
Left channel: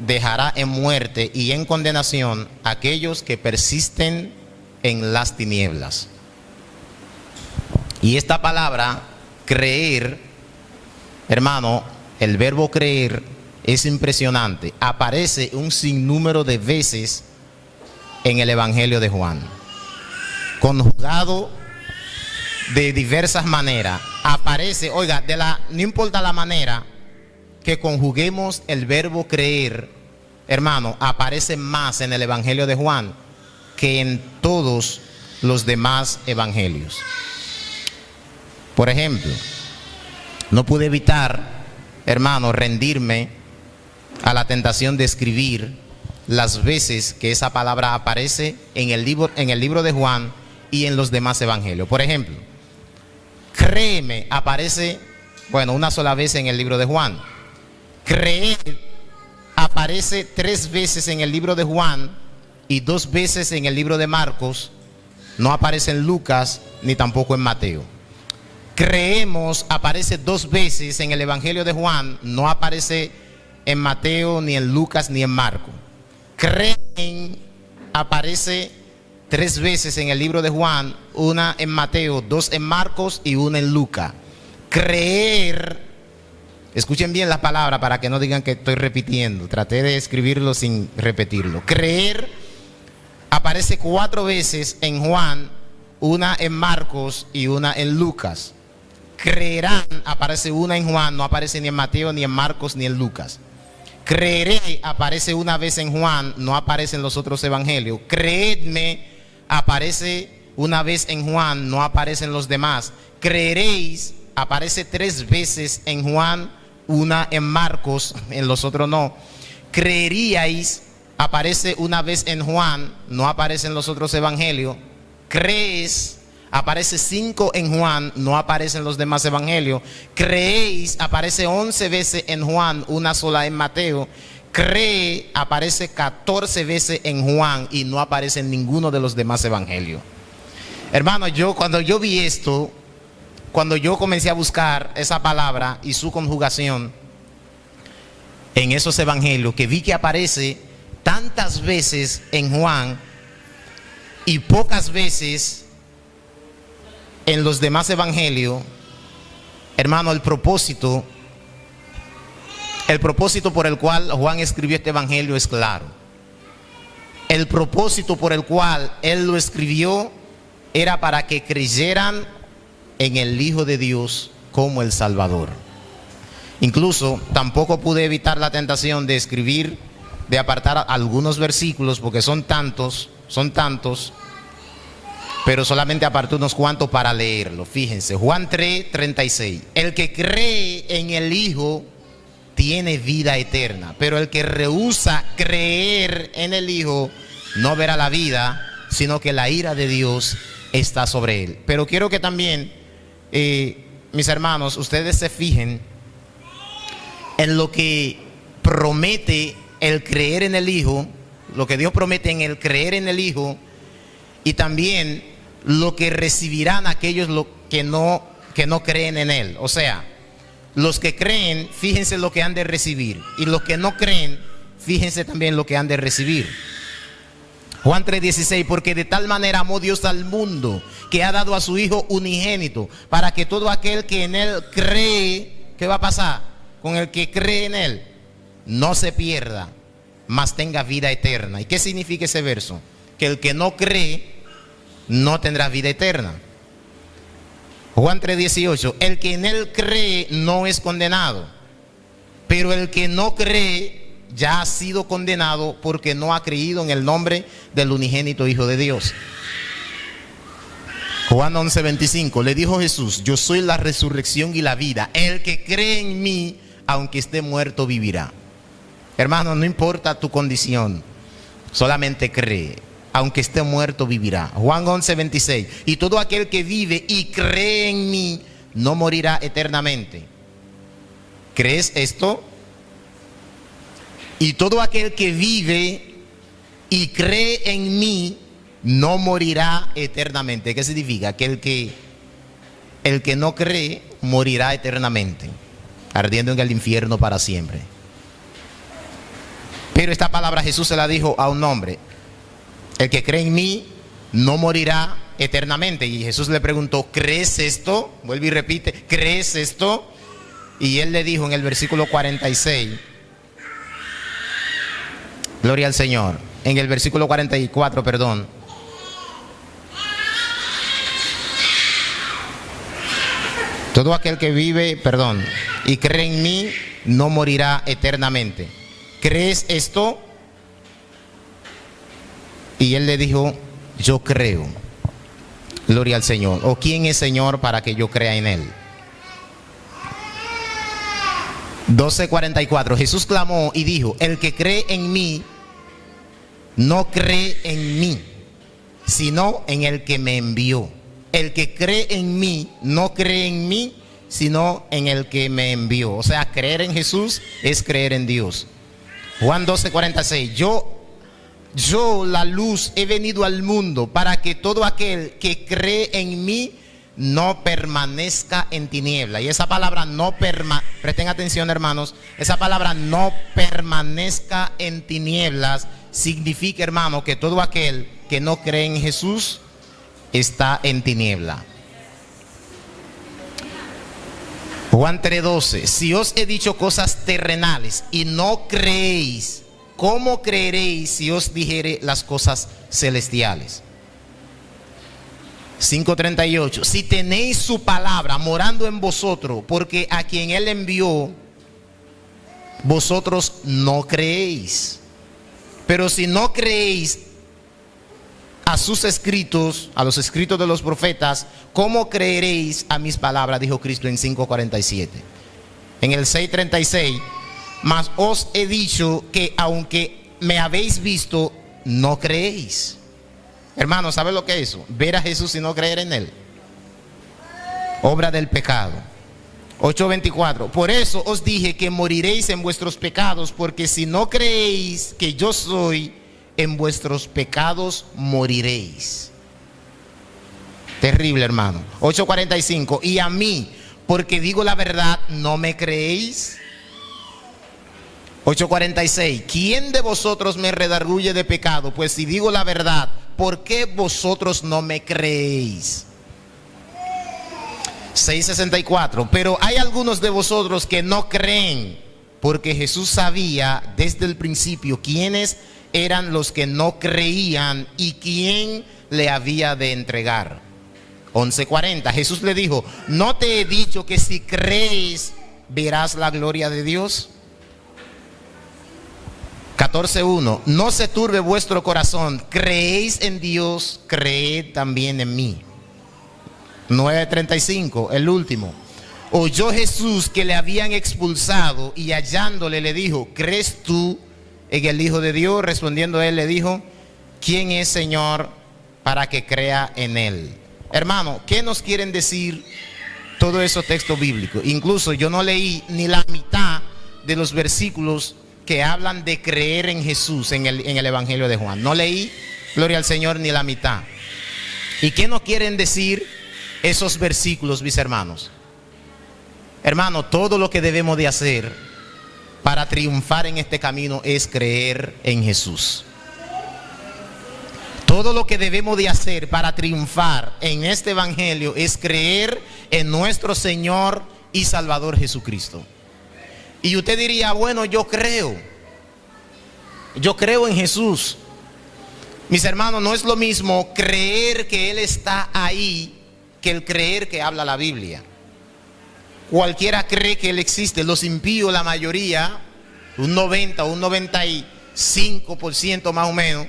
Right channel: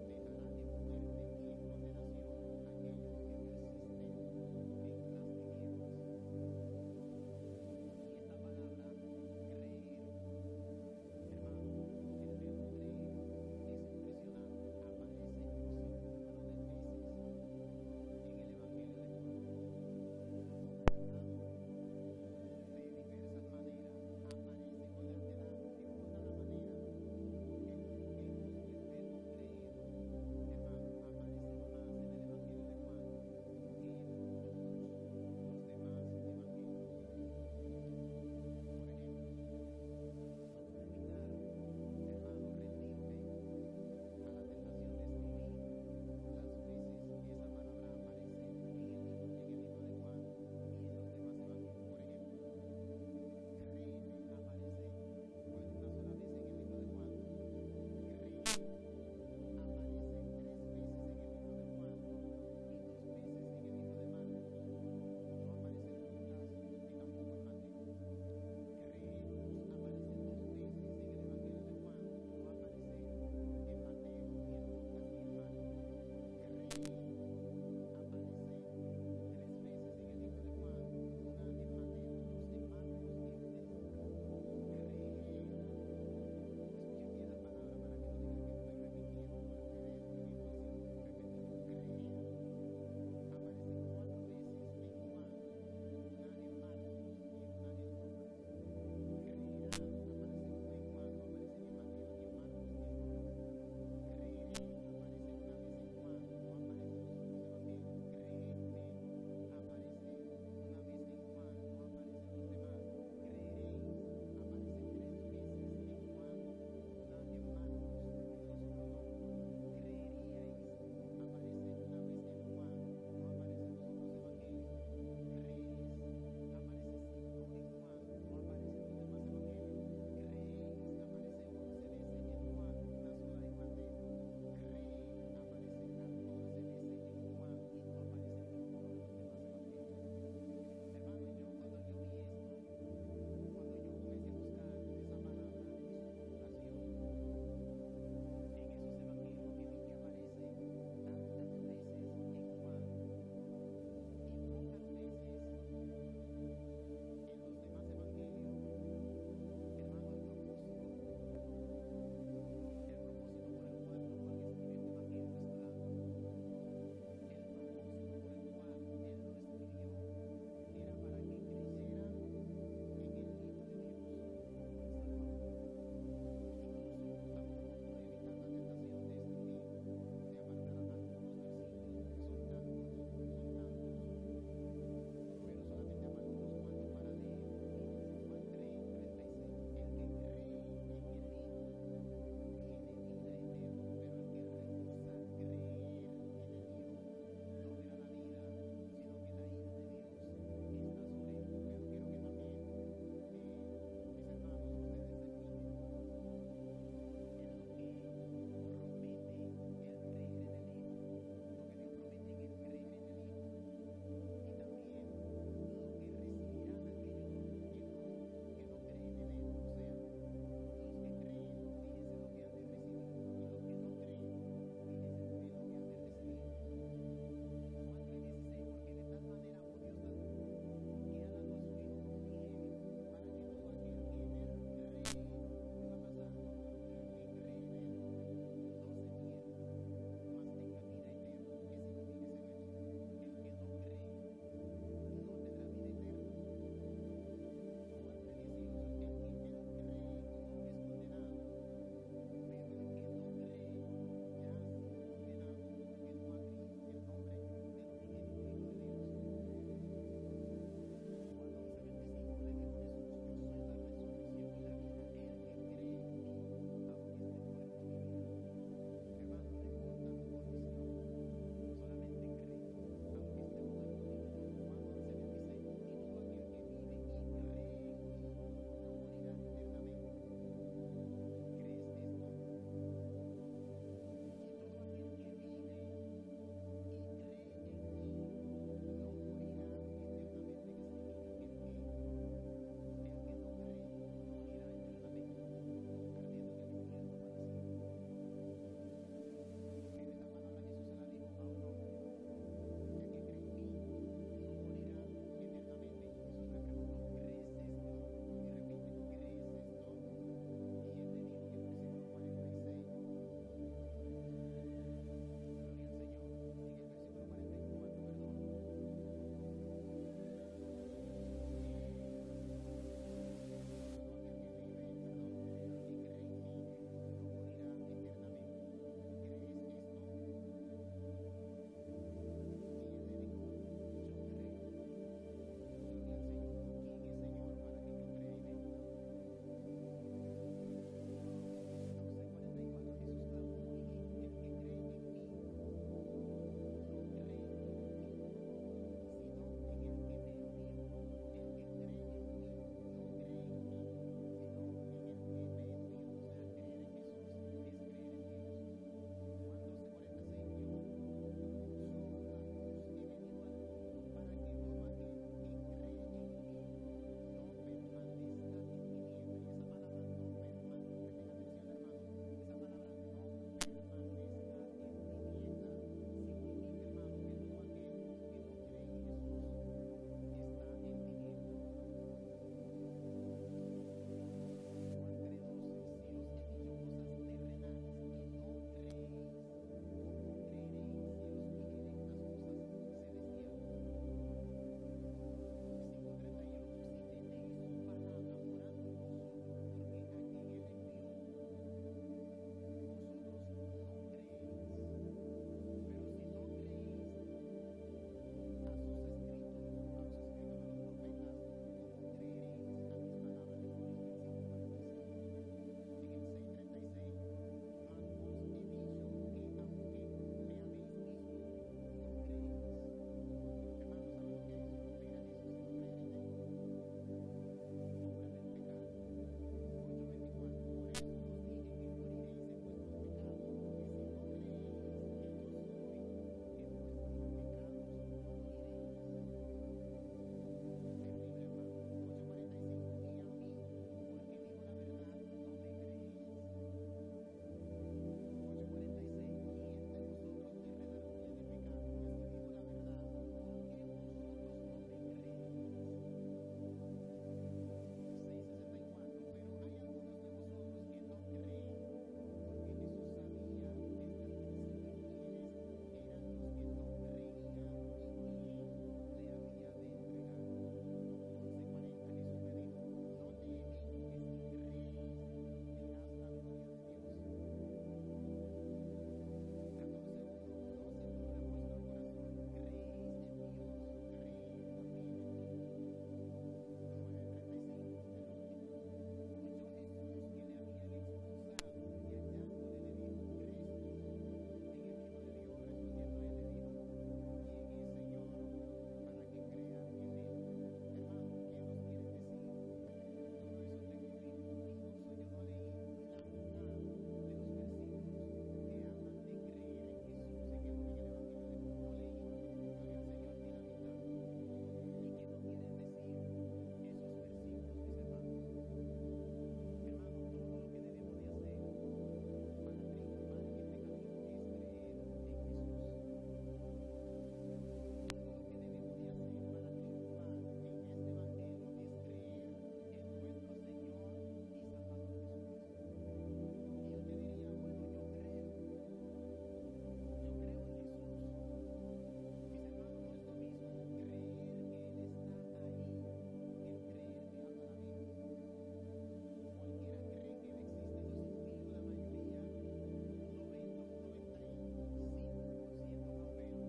dejará en muerte y en condenación a aquellos que persisten en las tinieblas. Y esta palabra, creer, hermano, el verbo creer es impresionante. Aparece un sinnúmero de veces en el Evangelio de Juan, conjugado de diversas maneras. Aparece, oiga, no importa la manera que conjuguemos el verbo creer, hermano, aparece más en el Evangelio de Juan que en todos los demás evangelios. Por ejemplo, no pude evitar, hermano, rendirme a la tentación de escribir las veces que esa palabra aparece en el libro de Juan y en los demás evangelios. Por ejemplo, créeme aparece, una sola vez en el libro de Juan. Creer aparece 3 veces en el libro de Juan y 2 veces en el libro de Marcos. No aparece en Lucas ni tampoco en Mateo. Creemos aparece 2 veces en el Evangelio de Juan, no aparece en Mateo, ni en Lucas, ni en Marcos. Creen aparece 3 veces en el libro de Juan, 1 en Mateo, 2 en Marcos y 1 en Lucas. Creer, escuchen bien la palabra para que no digan que estoy repitiendo, traté de escribirlo sin repetirlo. Creer aparece 4 veces en Juan, 1 en Marcos y 1 en Lucas. Creerán aparece 1 en Juan, no aparece ni en Mateo, ni en Marcos, ni en Lucas. Creeré aparece 1 vez en Juan, no aparece en los otros evangelios. Creedme aparece 1 vez en Juan, no aparece en los demás. Creeréis aparece 3 veces en Juan, 1 en Marcos, en los otros no. Creeríais aparece 1 vez en Juan, no aparece en los otros evangelios. Crees aparece 5 en Juan, no aparece en los demás evangelios. Creéis aparece 11 veces en Juan, 1 sola en Mateo. cree aparece 14 veces en Juan y no aparece en ninguno de los demás evangelios. Hermano, cuando yo vi esto, cuando yo comencé a buscar esa palabra y su conjugación en esos evangelios, que vi que aparece tantas veces en Juan y pocas veces en los demás evangelios, hermano, el propósito por el cual Juan escribió este evangelio es claro. El propósito por el cual él lo escribió era para que creyeran en el Hijo de Dios como el Salvador. Incluso tampoco pude evitar la tentación de escribir, de apartar algunos versículos, porque son tantos, pero solamente aparté unos cuantos para leerlo. Fíjense, Juan 3:36. El que cree en el Hijo tiene vida eterna, pero el que rehúsa creer en el Hijo no verá la vida, sino que la ira de Dios está sobre él. Pero quiero que también, mis hermanos, ustedes se fijen en lo que promete el creer en el Hijo, lo que Dios promete en el creer en el Hijo, y también lo que recibirán aquellos que no creen en Él. O sea, los que creen, fíjense lo que han de recibir, y los que no creen, fíjense también lo que han de recibir. Juan 3:16, porque de tal manera amó Dios al mundo, que ha dado a su Hijo unigénito, para que todo aquel que en Él cree, ¿qué va a pasar? Con el que cree en Él, no se pierda, mas tenga vida eterna. ¿Y qué significa ese verso? Que el que no cree, no tendrá vida eterna. Juan 3:18, el que en Él cree no es condenado, pero el que no cree ya ha sido condenado porque no ha creído en el nombre del unigénito Hijo de Dios. Juan 11:25, le dijo Jesús, yo soy la resurrección y la vida, el que cree en mí, aunque esté muerto, vivirá. Hermano, no importa tu condición, solamente cree, aunque esté muerto, vivirá. Juan 11:26, y todo aquel que vive y cree en mí, no morirá eternamente. ¿Crees esto? Y todo aquel que vive y cree en mí no morirá eternamente. ¿Qué significa? Que el que no cree morirá eternamente, ardiendo en el infierno para siempre. Pero esta palabra Jesús se la dijo a un hombre: el que cree en mí no morirá eternamente. Y Jesús le preguntó, ¿crees esto? Vuelve y repite, ¿crees esto? Y él le dijo en el versículo 46, gloria al Señor, en el versículo 44, perdón. Todo aquel que vive, y cree en mí, no morirá eternamente. ¿Crees esto? Y él le dijo, yo creo. Gloria al Señor. ¿O quién es Señor para que yo crea en Él? 12:44. Jesús clamó y dijo, el que cree en mí, no cree en mí, sino en el que me envió. El que cree en mí, no cree en mí, sino en el que me envió. O sea, creer en Jesús es creer en Dios. Juan 12:46. Yo, la luz, he venido al mundo para que todo aquel que cree en mí no permanezca en tiniebla. Y esa palabra presten atención, hermanos, esa palabra no permanezca en tinieblas significa, hermano, que todo aquel que no cree en Jesús está en tiniebla. Juan 3:12. Si os he dicho cosas terrenales y no creéis, ¿cómo creeréis si os dijere las cosas celestiales? 5:38. Si tenéis su palabra morando en vosotros, porque a quien Él envió, vosotros no creéis. Pero si no creéis a sus escritos, a los escritos de los profetas, ¿cómo creeréis a mis palabras? Dijo Cristo en 5:47. En el 6:36. Mas os he dicho que aunque me habéis visto, no creéis. Hermanos, ¿sabe lo que es eso? Ver a Jesús y no creer en Él. Obra del pecado. 8:24. Por eso os dije que moriréis en vuestros pecados, porque si no creéis que yo soy, en vuestros pecados moriréis. Terrible, hermano. 8:45. Y a mí, porque digo la verdad, ¿no me creéis? 8:46. ¿Quién de vosotros me redarguye de pecado? Pues si digo la verdad, ¿por qué vosotros no me creéis? 6:64. Pero hay algunos de vosotros que no creen, porque Jesús sabía desde el principio quiénes eran los que no creían y quién le había de entregar. 11:40. Jesús le dijo: ¿no te he dicho que si crees verás la gloria de Dios? 14:1. No se turbe vuestro corazón, creéis en Dios, creed también en mí. 9:35, el último. Oyó Jesús que le habían expulsado y hallándole le dijo: ¿crees tú en el Hijo de Dios? Respondiendo él le dijo: ¿quién es, Señor, para que crea en él? Hermano, ¿qué nos quieren decir todos esos textos bíblicos? Incluso yo no leí ni la mitad de los versículos que hablan de creer en Jesús en el Evangelio de Juan. No leí, gloria al Señor, ni la mitad. ¿Y qué nos quieren decir esos versículos, mis hermanos? Hermano, todo lo que debemos de hacer para triunfar en este camino es creer en Jesús. Todo lo que debemos de hacer para triunfar en este evangelio es creer en nuestro Señor y Salvador Jesucristo. Y usted diría: bueno, yo creo en Jesús. Mis hermanos, no es lo mismo creer que Él está ahí que el creer que habla la Biblia. Cualquiera cree que Él existe. Los impíos, la mayoría, un 90 o un 95% más o menos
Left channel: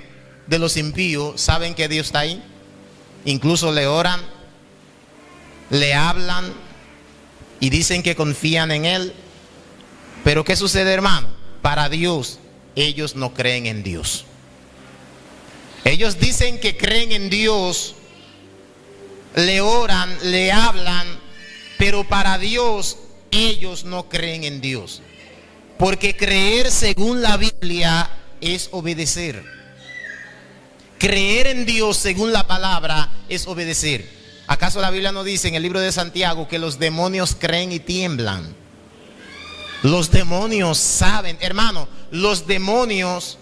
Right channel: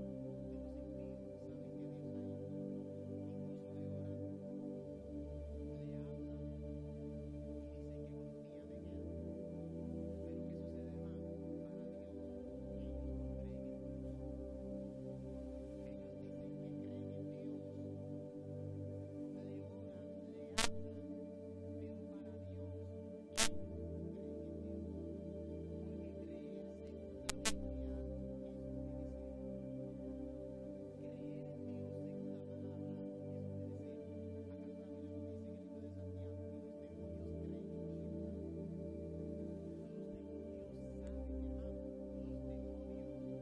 de los impíos saben que Dios está ahí. Incluso le oran, le hablan y dicen que confían en Él. Pero ¿qué sucede, hermano? Para Dios, ellos no creen en Dios. Ellos dicen que creen en Dios, le oran, le hablan, pero para Dios ellos no creen en Dios. Porque creer según la Biblia es obedecer. Creer en Dios según la palabra es obedecer. ¿Acaso la Biblia no dice en el libro de Santiago que los demonios creen y tiemblan? Los demonios saben, hermano, los demonios,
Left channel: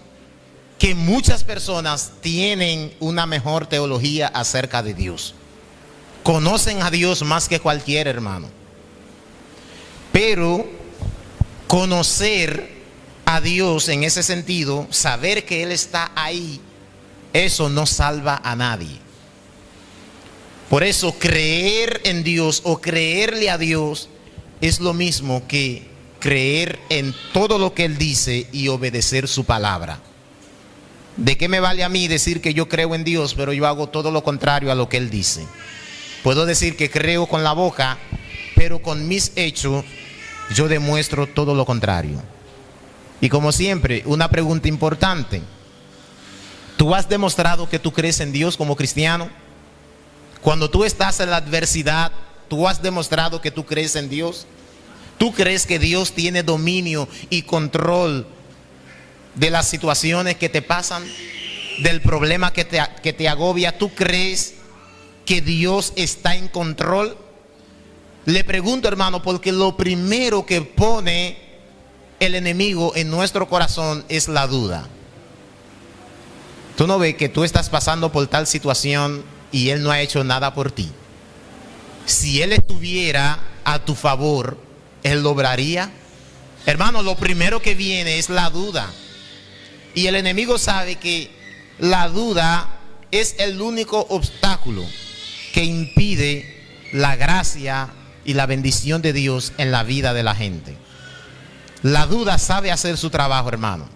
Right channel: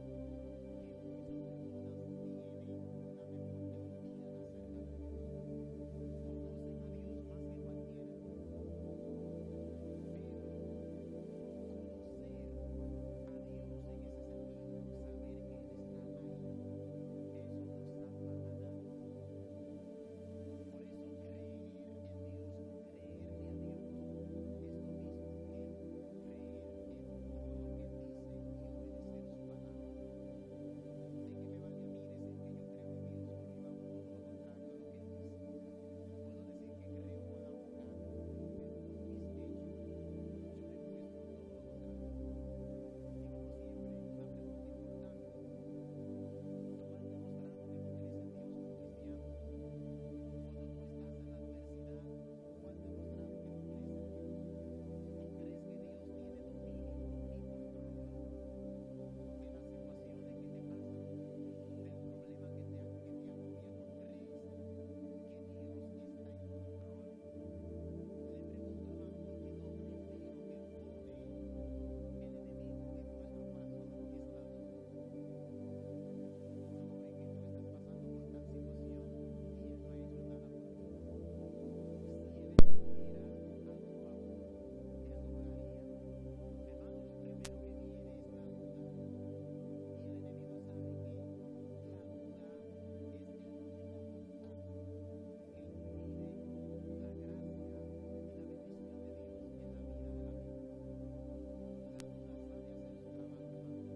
que muchas personas tienen una mejor teología acerca de Dios. Conocen a Dios más que cualquier hermano. Pero conocer a Dios en ese sentido, saber que Él está ahí, eso no salva a nadie. Por eso creer en Dios o creerle a Dios es lo mismo que creer en todo lo que Él dice y obedecer su palabra. ¿De qué me vale a mí decir que yo creo en Dios, pero yo hago todo lo contrario a lo que Él dice? Puedo decir que creo con la boca, pero con mis hechos yo demuestro todo lo contrario. Y como siempre, una pregunta importante: ¿tú has demostrado que tú crees en Dios como cristiano? Cuando tú estás en la adversidad, ¿tú has demostrado que tú crees en Dios? ¿Tú crees que Dios tiene dominio y control de las situaciones que te pasan, del problema que te agobia? ¿Tú crees que Dios está en control? Le pregunto, hermano, porque lo primero que pone el enemigo en nuestro corazón es la duda. ¿Tú no ves que tú estás pasando por tal situación y Él no ha hecho nada por ti? Si Él estuviera a tu favor, Él lo obraría. Hermano, lo primero que viene es la duda. Y el enemigo sabe que la duda es el único obstáculo que impide la gracia y la bendición de Dios en la vida de la gente. La duda sabe hacer su trabajo, hermano.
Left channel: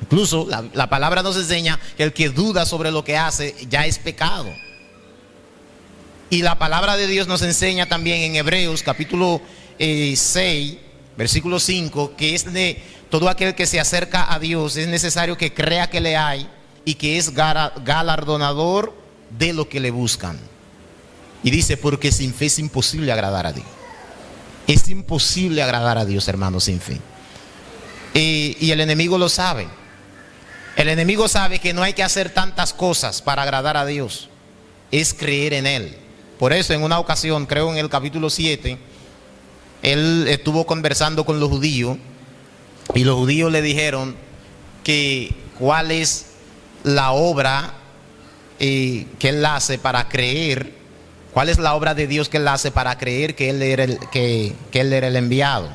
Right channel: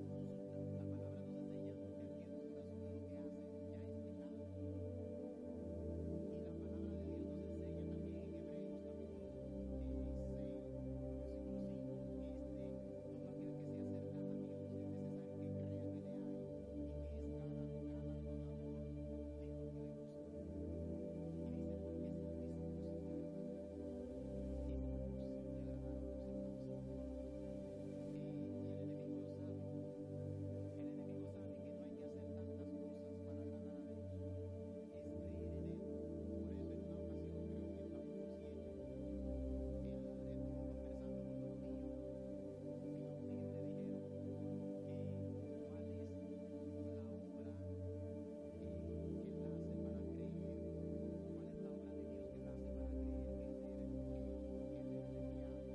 Incluso la palabra nos enseña que el que duda sobre lo que hace ya es pecado. Y la palabra de Dios nos enseña también en Hebreos capítulo 6, versículo 5, que es de todo aquel que se acerca a Dios es necesario que crea que le hay y que es galardonador de lo que le buscan. Y dice: porque sin fe es imposible agradar a Dios. Es imposible agradar a Dios, hermano, sin fe. Y el enemigo lo sabe. El enemigo sabe que no hay que hacer tantas cosas para agradar a Dios. Es creer en Él. Por eso en una ocasión, creo en el capítulo 7, Él estuvo conversando con los judíos. Y los judíos le dijeron que cuál es la obra que Él hace para creer. ¿Cuál es la obra de Dios que Él hace para creer que Él era el enviado?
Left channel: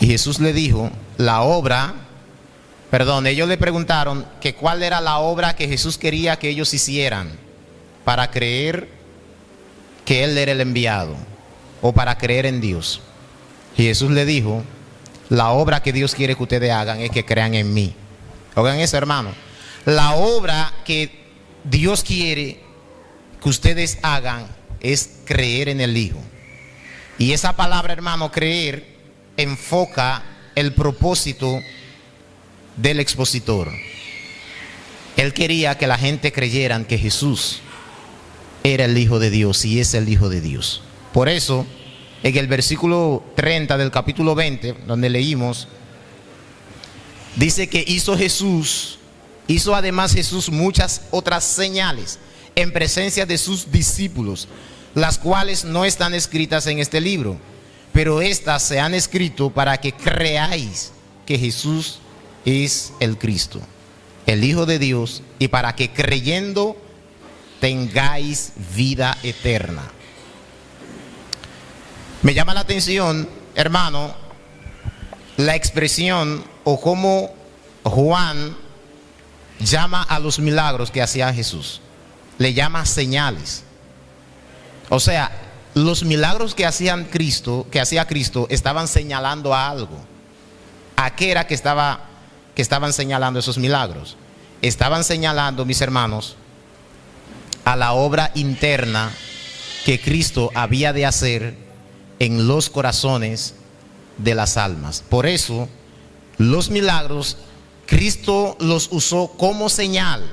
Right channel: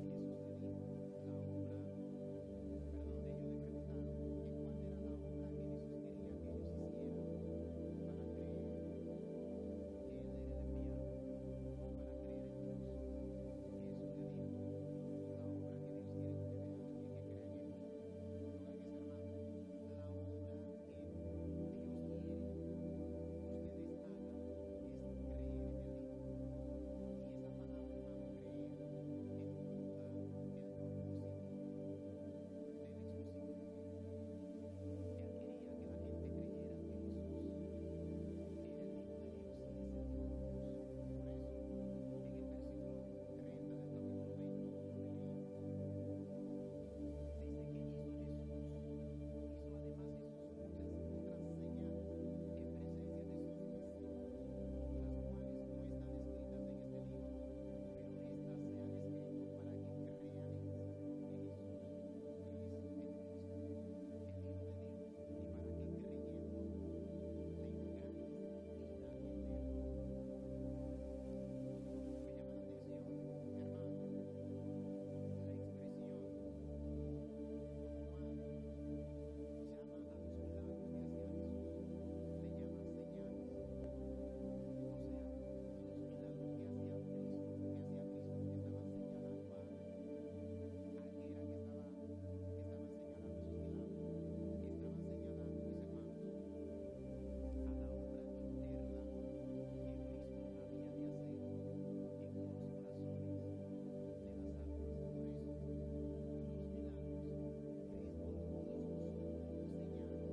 Y Jesús le dijo, ellos le preguntaron que cuál era la obra que Jesús quería que ellos hicieran para creer que Él era el enviado o para creer en Dios. Y Jesús le dijo, la obra que Dios quiere que ustedes hagan es que crean en mí. Oigan eso, hermano. La obra que Dios quiere que ustedes hagan es creer en el Hijo. Y esa palabra, hermano, creer, enfoca el propósito del expositor. Él quería que la gente creyeran que Jesús era el Hijo de Dios y es el Hijo de Dios. Por eso, en el versículo 30 del capítulo 20, donde leímos, dice que hizo además Jesús muchas otras señales en presencia de sus discípulos, las cuales no están escritas en este libro, pero estas se han escrito para que creáis que Jesús es el Cristo, el Hijo de Dios, y para que creyendo tengáis vida eterna. Me llama la atención, hermano, la expresión o cómo Juan llama a los milagros que hacía Jesús. Le llama señales. O sea, los milagros que hacía Cristo estaban señalando a algo. ¿A qué era que estaban señalando esos milagros? Estaban señalando, mis hermanos, a la obra interna que Cristo había de hacer en los corazones de las almas. Por eso, los milagros, Cristo los usó como señal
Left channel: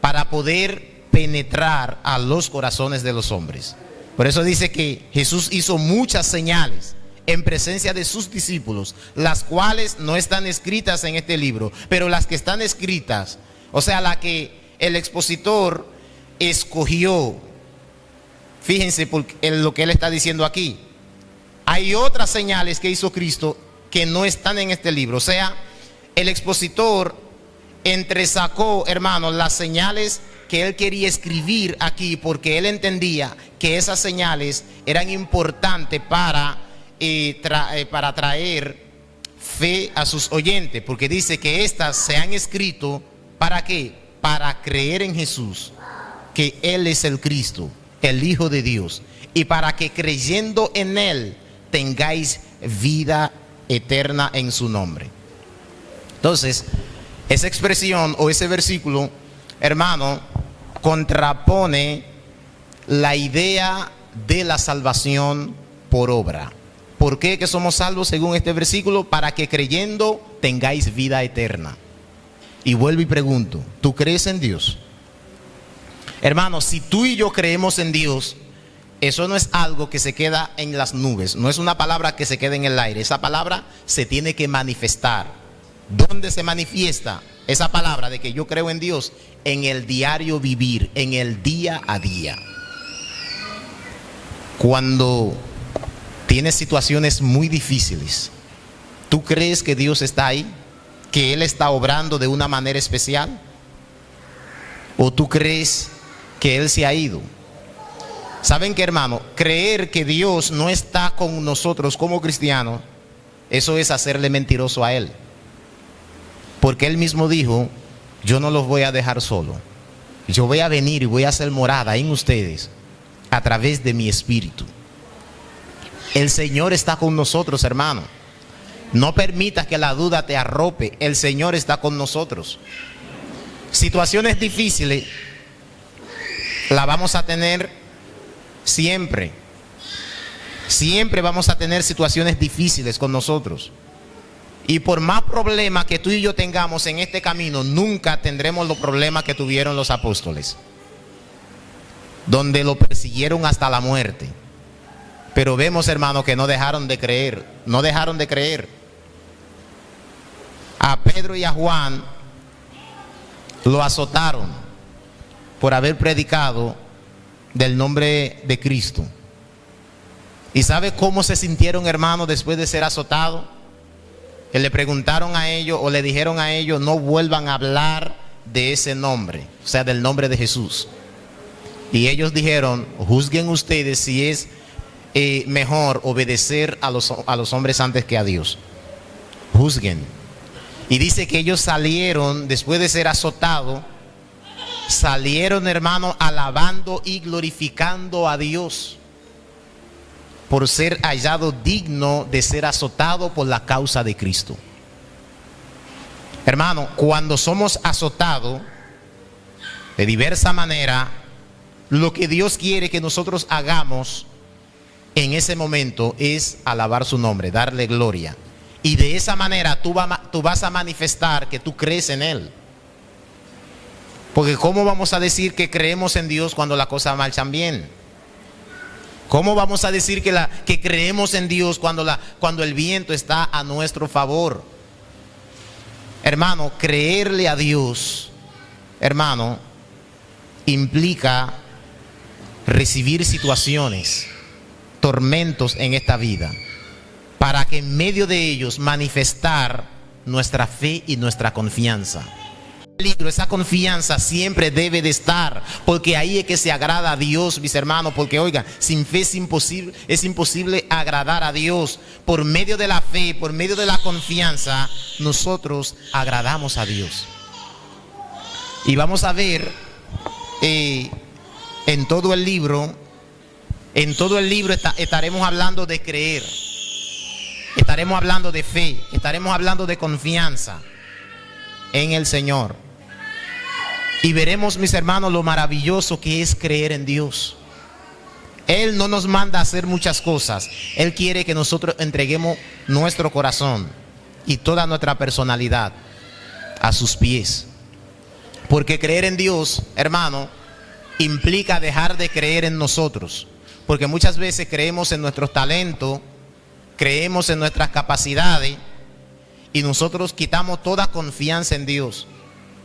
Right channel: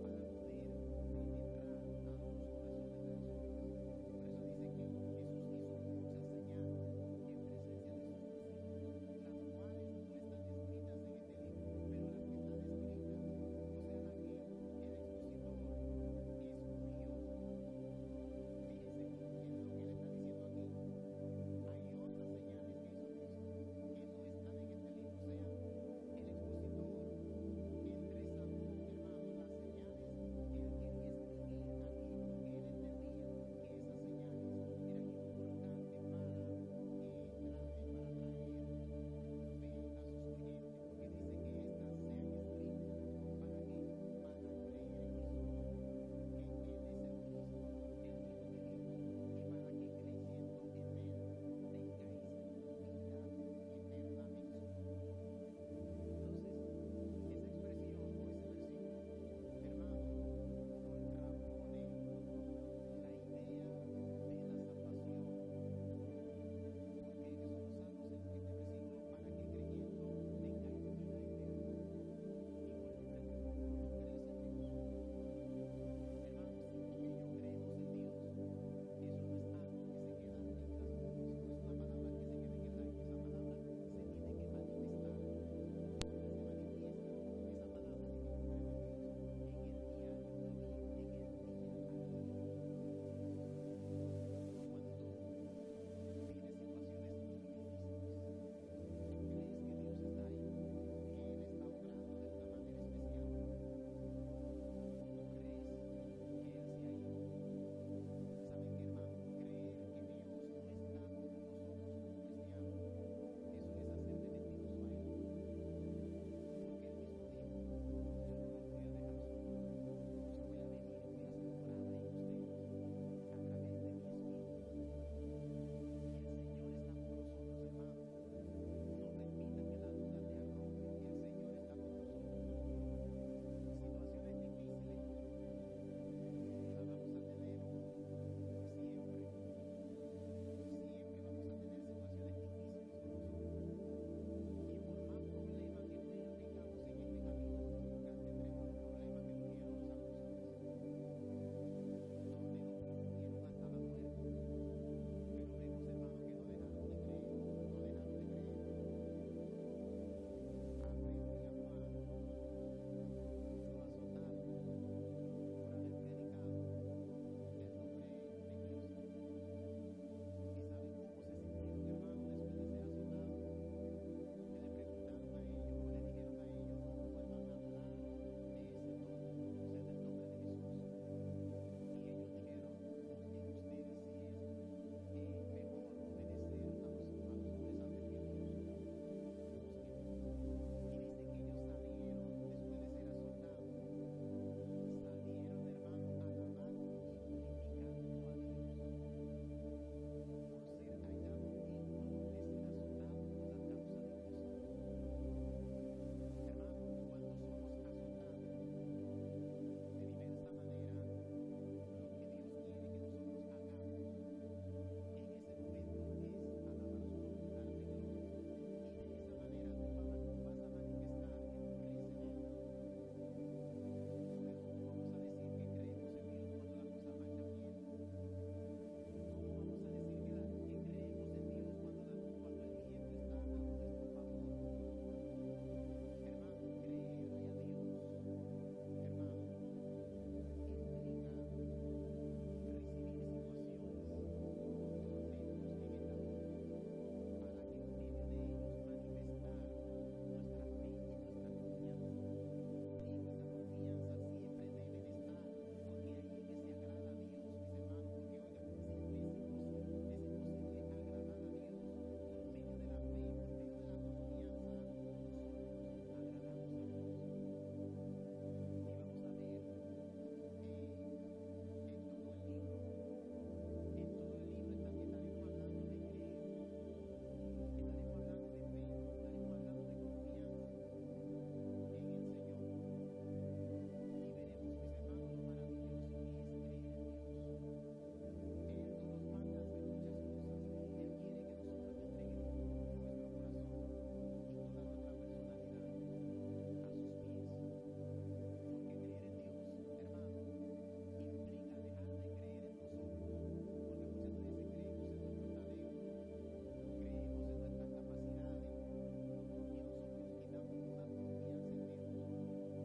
para poder penetrar a los corazones de los hombres. Por eso dice que Jesús hizo muchas señales en presencia de sus discípulos, las cuales no están escritas en este libro, pero las que están escritas, o sea, la que el expositor escogió. Fíjense en lo que él está diciendo aquí. Hay otras señales que hizo Cristo que no están en este libro. O sea, el expositor entresacó, hermanos, las señales que él quería escribir aquí, porque él entendía que esas señales eran importantes para traer fe a sus oyentes, porque dice que estas se han escrito ¿para qué? Para creer en Jesús, que Él es el Cristo, el Hijo de Dios, y para que creyendo en Él tengáis vida eterna en su nombre. Entonces, esa expresión o ese versículo, hermano, contrapone la idea de la salvación por obra. ¿Por qué que somos salvos según este versículo? Para que creyendo tengáis vida eterna. Y vuelvo y pregunto, ¿tú crees en Dios? Hermano, si tú y yo creemos en Dios, eso no es algo que se queda en las nubes, no es una palabra que se queda en el aire. Esa palabra se tiene que manifestar. ¿Dónde se manifiesta esa palabra de que yo creo en Dios? En el diario vivir, en el día a día. Cuando tienes situaciones muy difíciles, ¿tú crees que Dios está ahí? ¿Que Él está obrando de una manera especial? ¿O tú crees que Él se ha ido? ¿Saben qué, hermano? Creer que Dios no está con nosotros como cristianos, eso es hacerle mentiroso a Él. Porque Él mismo dijo, yo no los voy a dejar solo. Yo voy a venir y voy a hacer morada en ustedes a través de mi espíritu. El Señor está con nosotros, hermano. No permitas que la duda te arrope. El Señor está con nosotros. Situaciones difíciles la vamos a tener siempre. Siempre vamos a tener situaciones difíciles con nosotros. Y por más problemas que tú y yo tengamos en este camino, nunca tendremos los problemas que tuvieron los apóstoles, donde lo persiguieron hasta la muerte. Pero vemos, hermanos, que no dejaron de creer. No dejaron de creer. A Pedro y a Juan lo azotaron por haber predicado del nombre de Cristo. ¿Y sabe cómo se sintieron, hermanos, después de ser azotados? Que le preguntaron a ellos o le dijeron a ellos: no vuelvan a hablar de ese nombre, o sea, del nombre de Jesús. Y ellos dijeron: juzguen ustedes si es mejor obedecer a los hombres antes que a Dios. Juzguen. Y dice que ellos salieron, después de ser azotados, salieron, hermanos, alabando y glorificando a Dios por ser hallado digno de ser azotado por la causa de Cristo. Hermano, cuando somos azotados de diversa manera, lo que Dios quiere que nosotros hagamos en ese momento es alabar su nombre, darle gloria. Y de esa manera tú vas a manifestar que tú crees en Él. Porque ¿cómo vamos a decir que creemos en Dios cuando las cosas marchan bien? ¿Cómo vamos a decir que creemos en Dios cuando el viento está a nuestro favor? Hermano, creerle a Dios, hermano, implica recibir situaciones, tormentos en esta vida, para que en medio de ellos manifestar nuestra fe y nuestra confianza. Esa confianza siempre debe de estar, porque ahí es que se agrada a Dios, mis hermanos. Porque oiga, sin fe es imposible agradar a Dios. Por medio de la fe, por medio de la confianza, nosotros agradamos a Dios. Y vamos a ver en todo el libro estaremos hablando de creer, estaremos hablando de fe, estaremos hablando de confianza en el Señor. Y veremos, mis hermanos, lo maravilloso que es creer en Dios. Él no nos manda a hacer muchas cosas. Él quiere que nosotros entreguemos nuestro corazón y toda nuestra personalidad a sus pies. Porque creer en Dios, hermano, implica dejar de creer en nosotros. Porque muchas veces creemos en nuestros talentos, creemos en nuestras capacidades y nosotros quitamos toda confianza en Dios.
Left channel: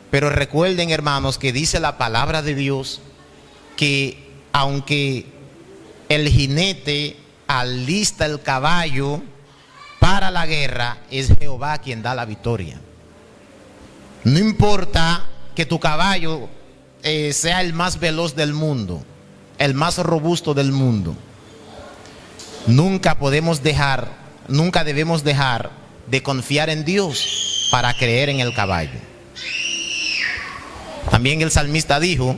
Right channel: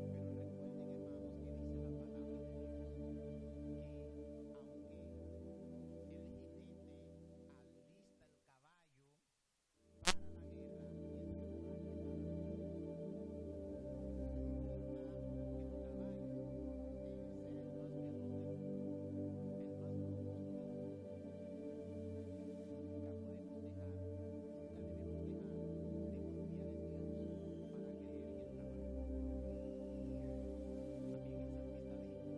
Pero recuerden, hermanos, que dice la palabra de Dios que aunque el jinete alista el caballo para la guerra, es Jehová quien da la victoria. No importa que tu caballo sea el más veloz del mundo, el más robusto del mundo, nunca debemos dejar de confiar en Dios para creer en el caballo. También el salmista dijo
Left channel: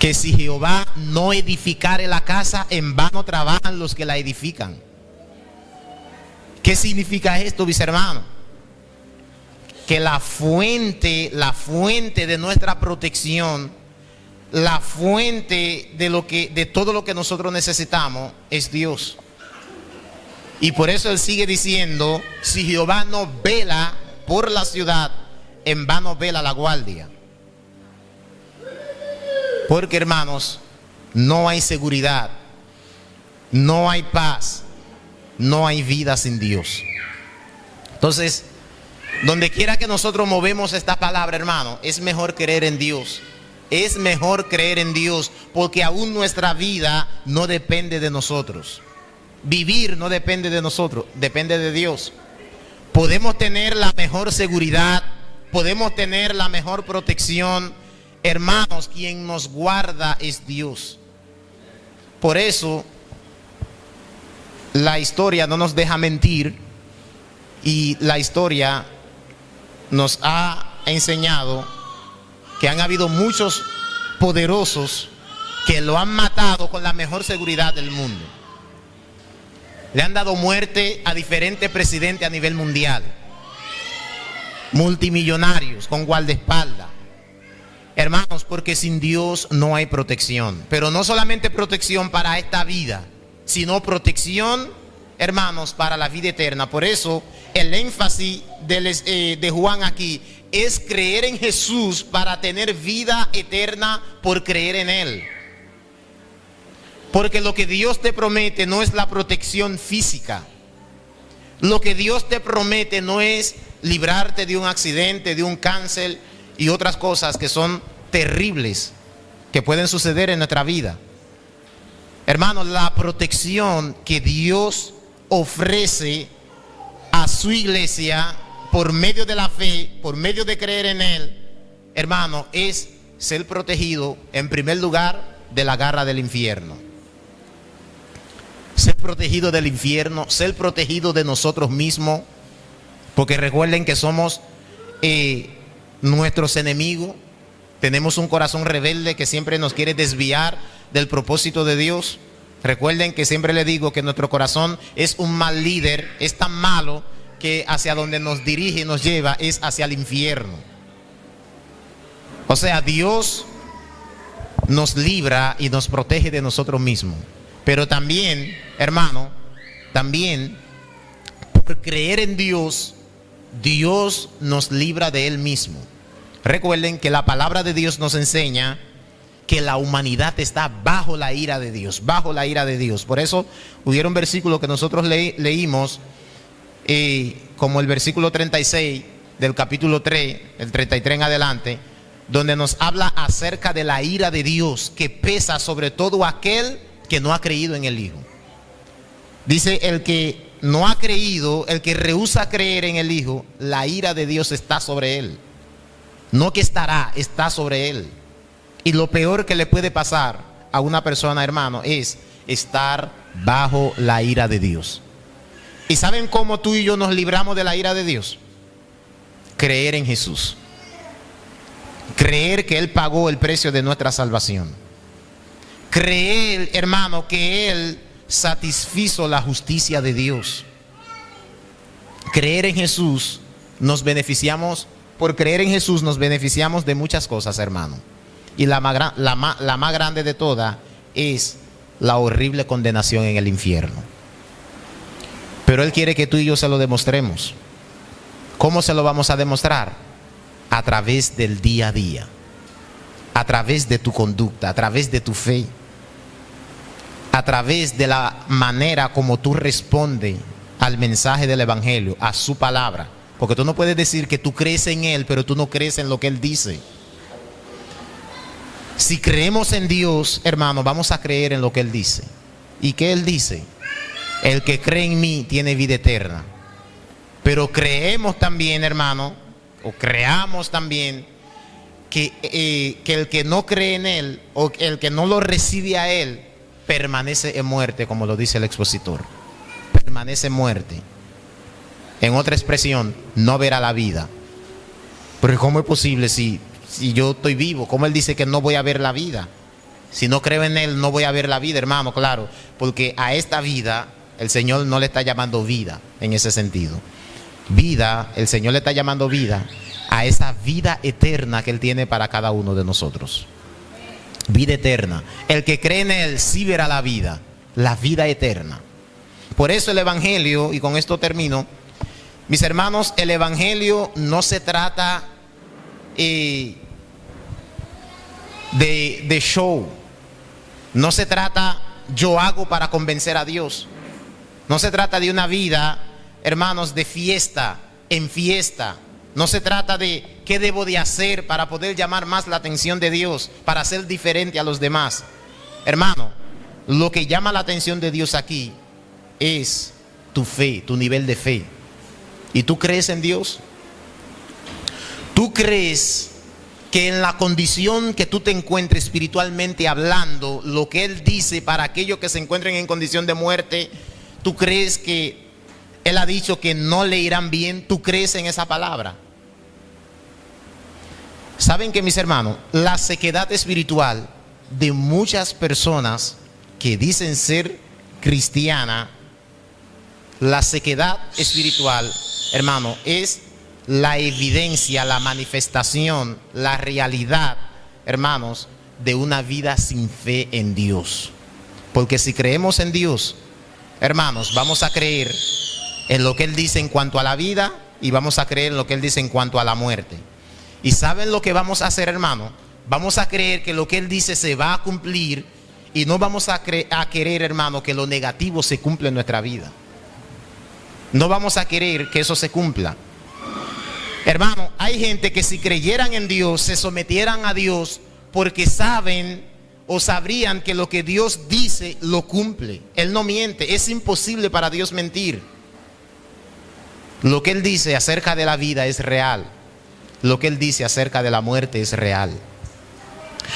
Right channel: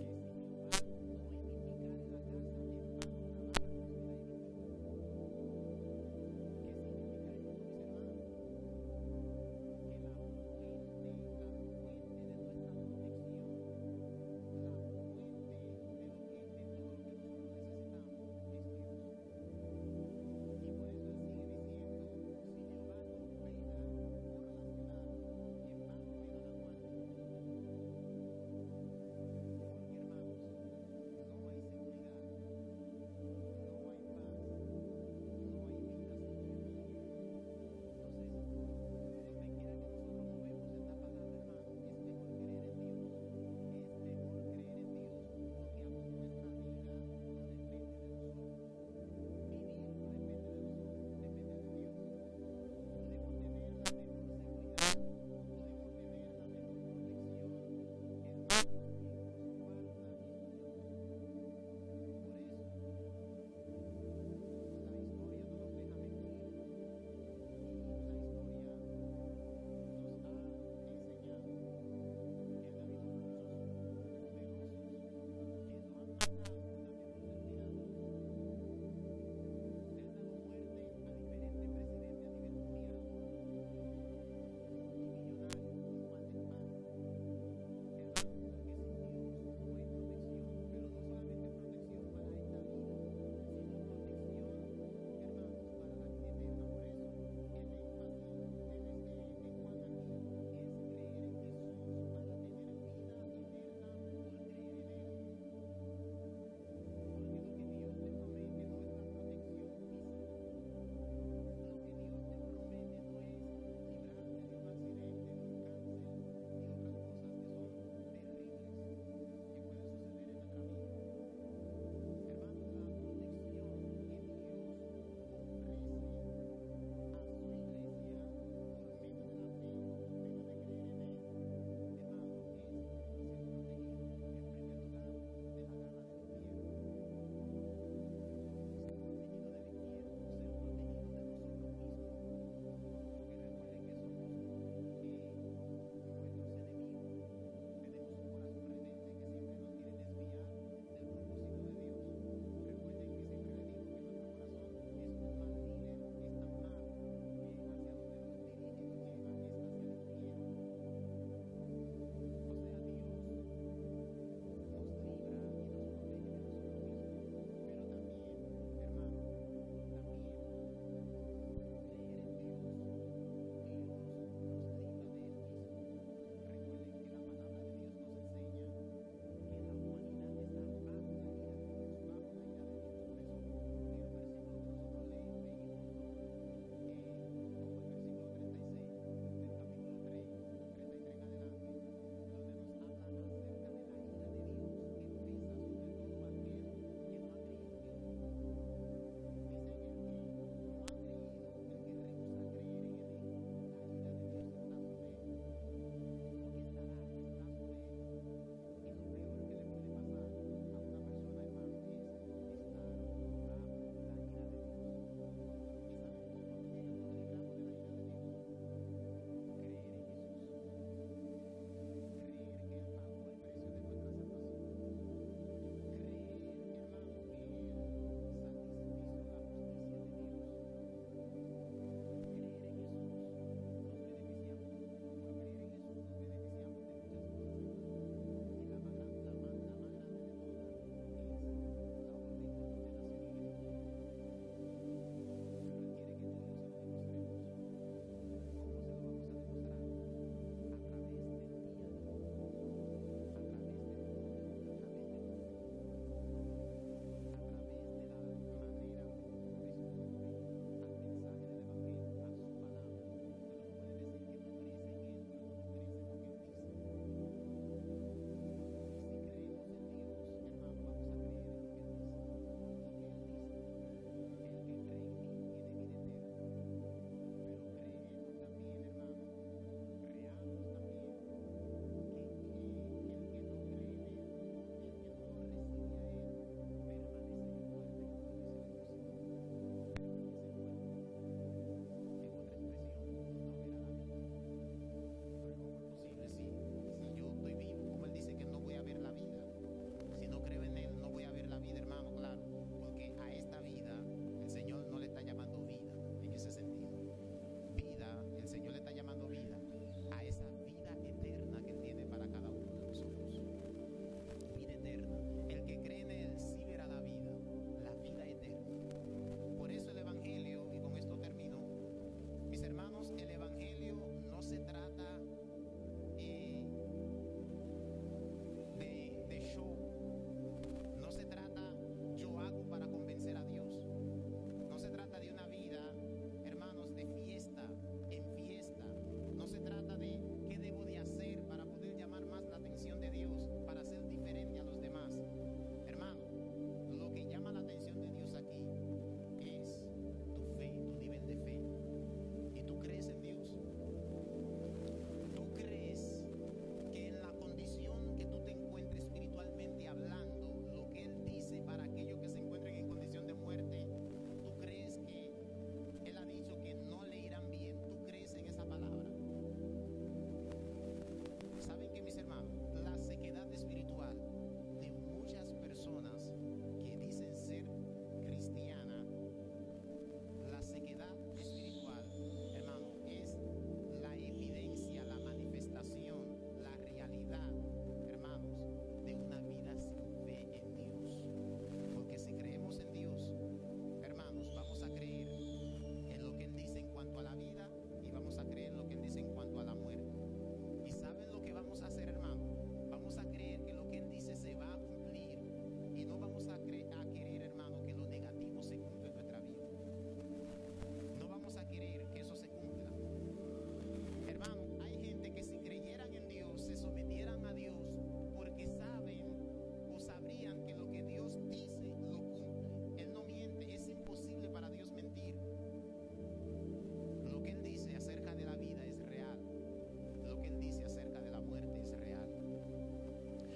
que si Jehová no edificare la casa, en vano trabajan los que la edifican. ¿Qué significa esto, mis hermanos? Que la fuente de nuestra protección, la fuente de todo lo que nosotros necesitamos es Dios. Y por eso él sigue diciendo: si Jehová no vela por la ciudad, en vano vela la guardia. Porque, hermanos, no hay seguridad, no hay paz, no hay vida sin Dios. Entonces, donde quiera que nosotros movemos esta palabra, hermano, es mejor creer en Dios. Es mejor creer en Dios, porque aún nuestra vida no depende de nosotros. Vivir no depende de nosotros, depende de Dios. Podemos tener la mejor seguridad, podemos tener la mejor protección. Hermanos, quien nos guarda es Dios. Por eso la historia no nos deja mentir, y la historia nos ha enseñado que han habido muchos poderosos que lo han matado con la mejor seguridad del mundo. Le han dado muerte a diferentes presidentes a nivel mundial, multimillonarios con guardaespaldas. Hermanos, porque sin Dios no hay protección. Pero no solamente protección para esta vida, sino protección, hermanos, para la vida eterna. Por eso el énfasis de Juan aquí es creer en Jesús para tener vida eterna por creer en Él. Porque lo que Dios te promete no es la protección física. Lo que Dios te promete no es librarte de un accidente, de un cáncer y otras cosas que son terribles, que pueden suceder en nuestra vida. Hermanos, la protección que Dios ofrece a su iglesia por medio de la fe, por medio de creer en Él, hermano, es ser protegido en primer lugar de la garra del infierno. Ser protegido del infierno, ser protegido de nosotros mismos, porque recuerden que somos nuestros enemigos. Tenemos un corazón rebelde que siempre nos quiere desviar del propósito de Dios. Recuerden que siempre le digo que nuestro corazón es un mal líder, es tan malo que hacia donde nos dirige y nos lleva es hacia el infierno. O sea, Dios nos libra y nos protege de nosotros mismos. Pero también, hermano, también por creer en Dios, Dios nos libra de Él mismo. Recuerden que la palabra de Dios nos enseña que la humanidad está bajo la ira de Dios, bajo la ira de Dios. Por eso hubieron versículos que nosotros leímos, como el versículo 36 del capítulo 3, el 33 en adelante, donde nos habla acerca de la ira de Dios que pesa sobre todo aquel que no ha creído en el Hijo. Dice, el que no ha creído, el que rehúsa creer en el Hijo, la ira de Dios está sobre él. No que estará, está sobre él. Y lo peor que le puede pasar a una persona, hermano, es estar bajo la ira de Dios. ¿Y saben cómo tú y yo nos libramos de la ira de Dios? Creer en Jesús. Creer que Él pagó el precio de nuestra salvación. Creer, hermano, que Él satisfizo la justicia de Dios. Creer en Jesús, nos beneficiamos, por creer en Jesús nos beneficiamos de muchas cosas, hermano. Y la más grande de todas es la horrible condenación en el infierno. Pero Él quiere que tú y yo se lo demostremos. ¿Cómo se lo vamos a demostrar? A través del día a día, a través de tu conducta, a través de tu fe, a través de la manera como tú respondes al mensaje del Evangelio, a su palabra. Porque tú no puedes decir que tú crees en Él, pero tú no crees en lo que Él dice. Si creemos en Dios, hermano, vamos a creer en lo que Él dice. ¿Y qué Él dice? El que cree en mí tiene vida eterna. Pero creemos también, hermano, o creamos también que el que no cree en Él, o el que no lo recibe a Él, permanece en muerte, como lo dice el expositor. Permanece en muerte. En otra expresión, no verá la vida. Pero ¿cómo es posible si yo estoy vivo? ¿Cómo Él dice que no voy a ver la vida? Si no creo en Él, no voy a ver la vida, hermano, claro. Porque a esta vida, el Señor no le está llamando vida en ese sentido. Vida, el Señor le está llamando vida a esa vida eterna que Él tiene para cada uno de nosotros. Vida eterna. El que cree en Él sí verá la vida eterna. Por eso el Evangelio, y con esto termino, mis hermanos, el Evangelio no se trata de show. No se trata yo hago para convencer a Dios. No se trata de una vida, hermanos, de fiesta en fiesta. No se trata de qué debo de hacer para poder llamar más la atención de Dios, para ser diferente a los demás. Hermano, lo que llama la atención de Dios aquí es tu fe, tu nivel de fe. ¿Y tú crees en Dios? ¿Tú crees que en la condición que tú te encuentres espiritualmente hablando, lo que Él dice para aquellos que se encuentren en condición de muerte, tú crees que Él ha dicho que no le irán bien? ¿Tú crees en esa palabra? Saben que, mis hermanos, la sequedad espiritual de muchas personas que dicen ser cristianas, la sequedad espiritual, hermano, es la evidencia, la manifestación, la realidad, hermanos, de una vida sin fe en Dios. Porque si creemos en Dios, hermanos, vamos a creer en lo que Él dice en cuanto a la vida y vamos a creer en lo que Él dice en cuanto a la muerte. ¿Y saben lo que vamos a hacer, hermano? Vamos a creer que lo que Él dice se va a cumplir y no vamos a querer, hermano, que lo negativo se cumpla en nuestra vida. No vamos a querer que eso se cumpla. Hermano, hay gente que si creyeran en Dios, se sometieran a Dios porque saben o sabrían que lo que Dios dice lo cumple. Él no miente, es imposible para Dios mentir. Lo que Él dice acerca de la vida es real. Lo que Él dice acerca de la muerte es real.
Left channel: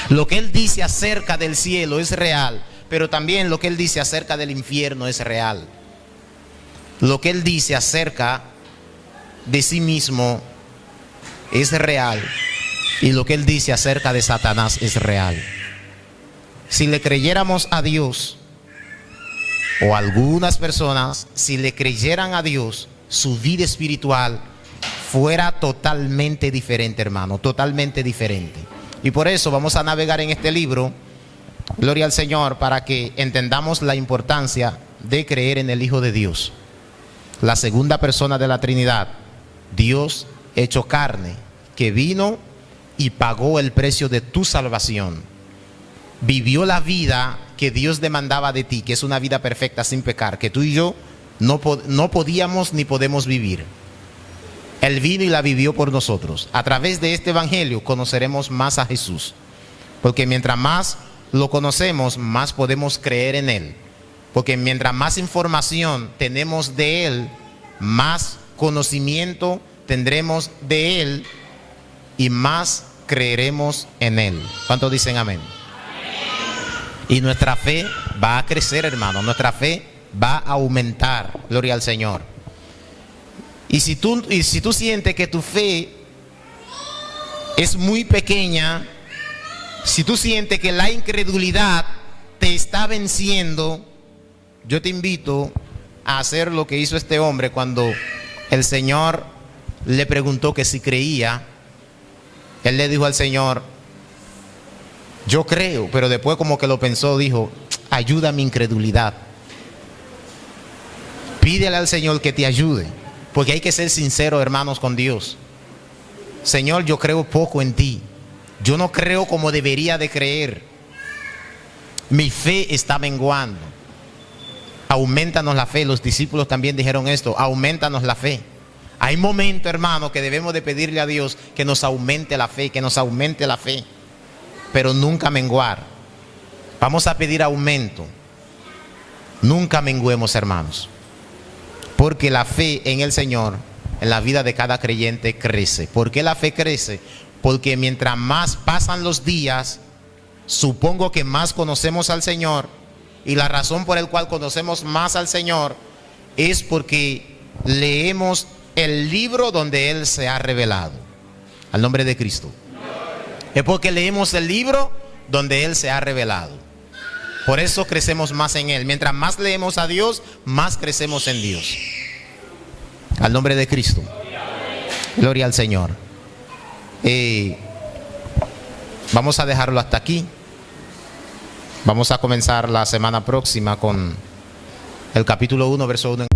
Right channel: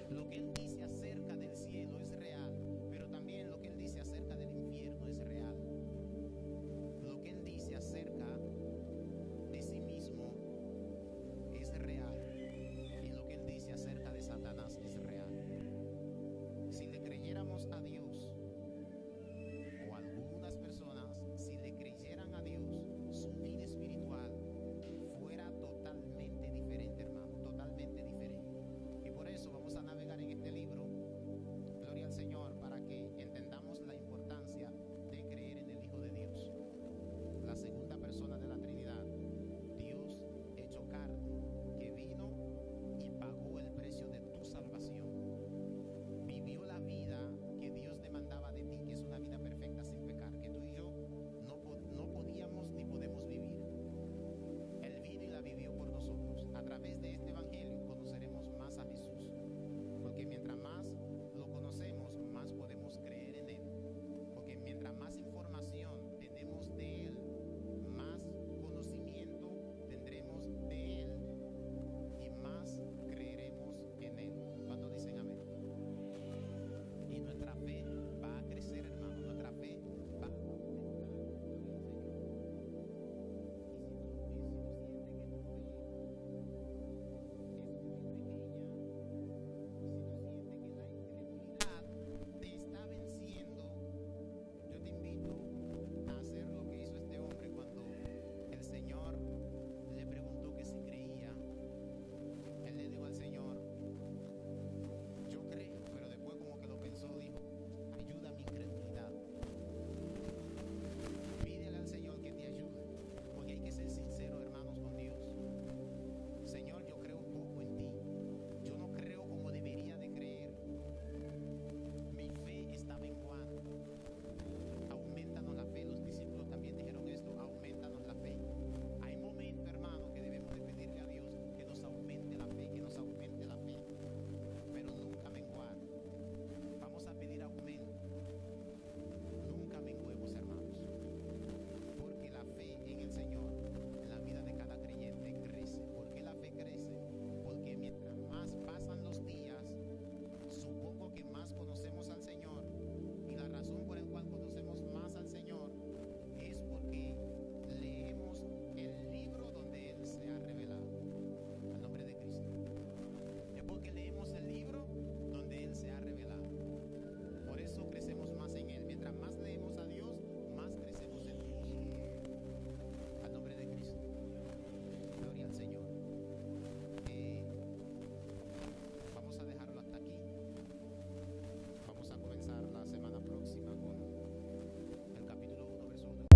Lo que Él dice acerca del cielo es real, pero también lo que Él dice acerca del infierno es real. Lo que Él dice acerca de sí mismo es real, y lo que Él dice acerca de Satanás es real. Si le creyéramos a Dios, o algunas personas, si le creyeran a Dios, su vida espiritual fuera totalmente diferente, hermano, totalmente diferente. Y por eso vamos a navegar en este libro, gloria al Señor, para que entendamos la importancia de creer en el Hijo de Dios, la segunda persona de la Trinidad, Dios hecho carne, que vino y pagó el precio de tu salvación. Vivió la vida que Dios demandaba de ti, que es una vida perfecta sin pecar, que tú y yo no podíamos ni podemos vivir. Él vino y la vivió por nosotros. A través de este evangelio conoceremos más a Jesús, porque mientras más lo conocemos, más podemos creer en Él. Porque mientras más información tenemos de Él, más conocimiento tendremos de Él y más creeremos en Él. ¿Cuántos dicen amén? Y nuestra fe va a crecer, hermano. Nuestra fe va a aumentar. Gloria al Señor. Y si tú sientes que tu fe es muy pequeña, si tú sientes que la incredulidad te está venciendo, yo te invito a hacer lo que hizo este hombre cuando el Señor le preguntó que si creía. Él le dijo al Señor, yo creo, pero después como que lo pensó, dijo, ayuda a mi incredulidad. Pídele al Señor que te ayude, porque hay que ser sincero, hermanos, con Dios. Señor, yo creo poco en ti. Yo no creo como debería de creer. Mi fe está menguando. Aumentanos la fe. Los discípulos también dijeron esto, aumentanos la fe. Hay momentos, hermano, que debemos de pedirle a Dios que nos aumente la fe, que nos aumente la fe, pero nunca menguar. Vamos a pedir aumento. Nunca menguemos, hermanos, porque la fe en el Señor, en la vida de cada creyente, crece. ¿Por qué la fe crece? Porque mientras más pasan los días, supongo que más conocemos al Señor, y la razón por la cual conocemos más al Señor es porque leemos el libro donde Él se ha revelado. Al nombre de Cristo. Es porque leemos el libro donde Él se ha revelado. Por eso crecemos más en Él. Mientras más leemos a Dios, más crecemos en Dios. Al nombre de Cristo. Gloria al Señor. Vamos a dejarlo hasta aquí. Vamos a comenzar la semana próxima con el capítulo 1, verso 1.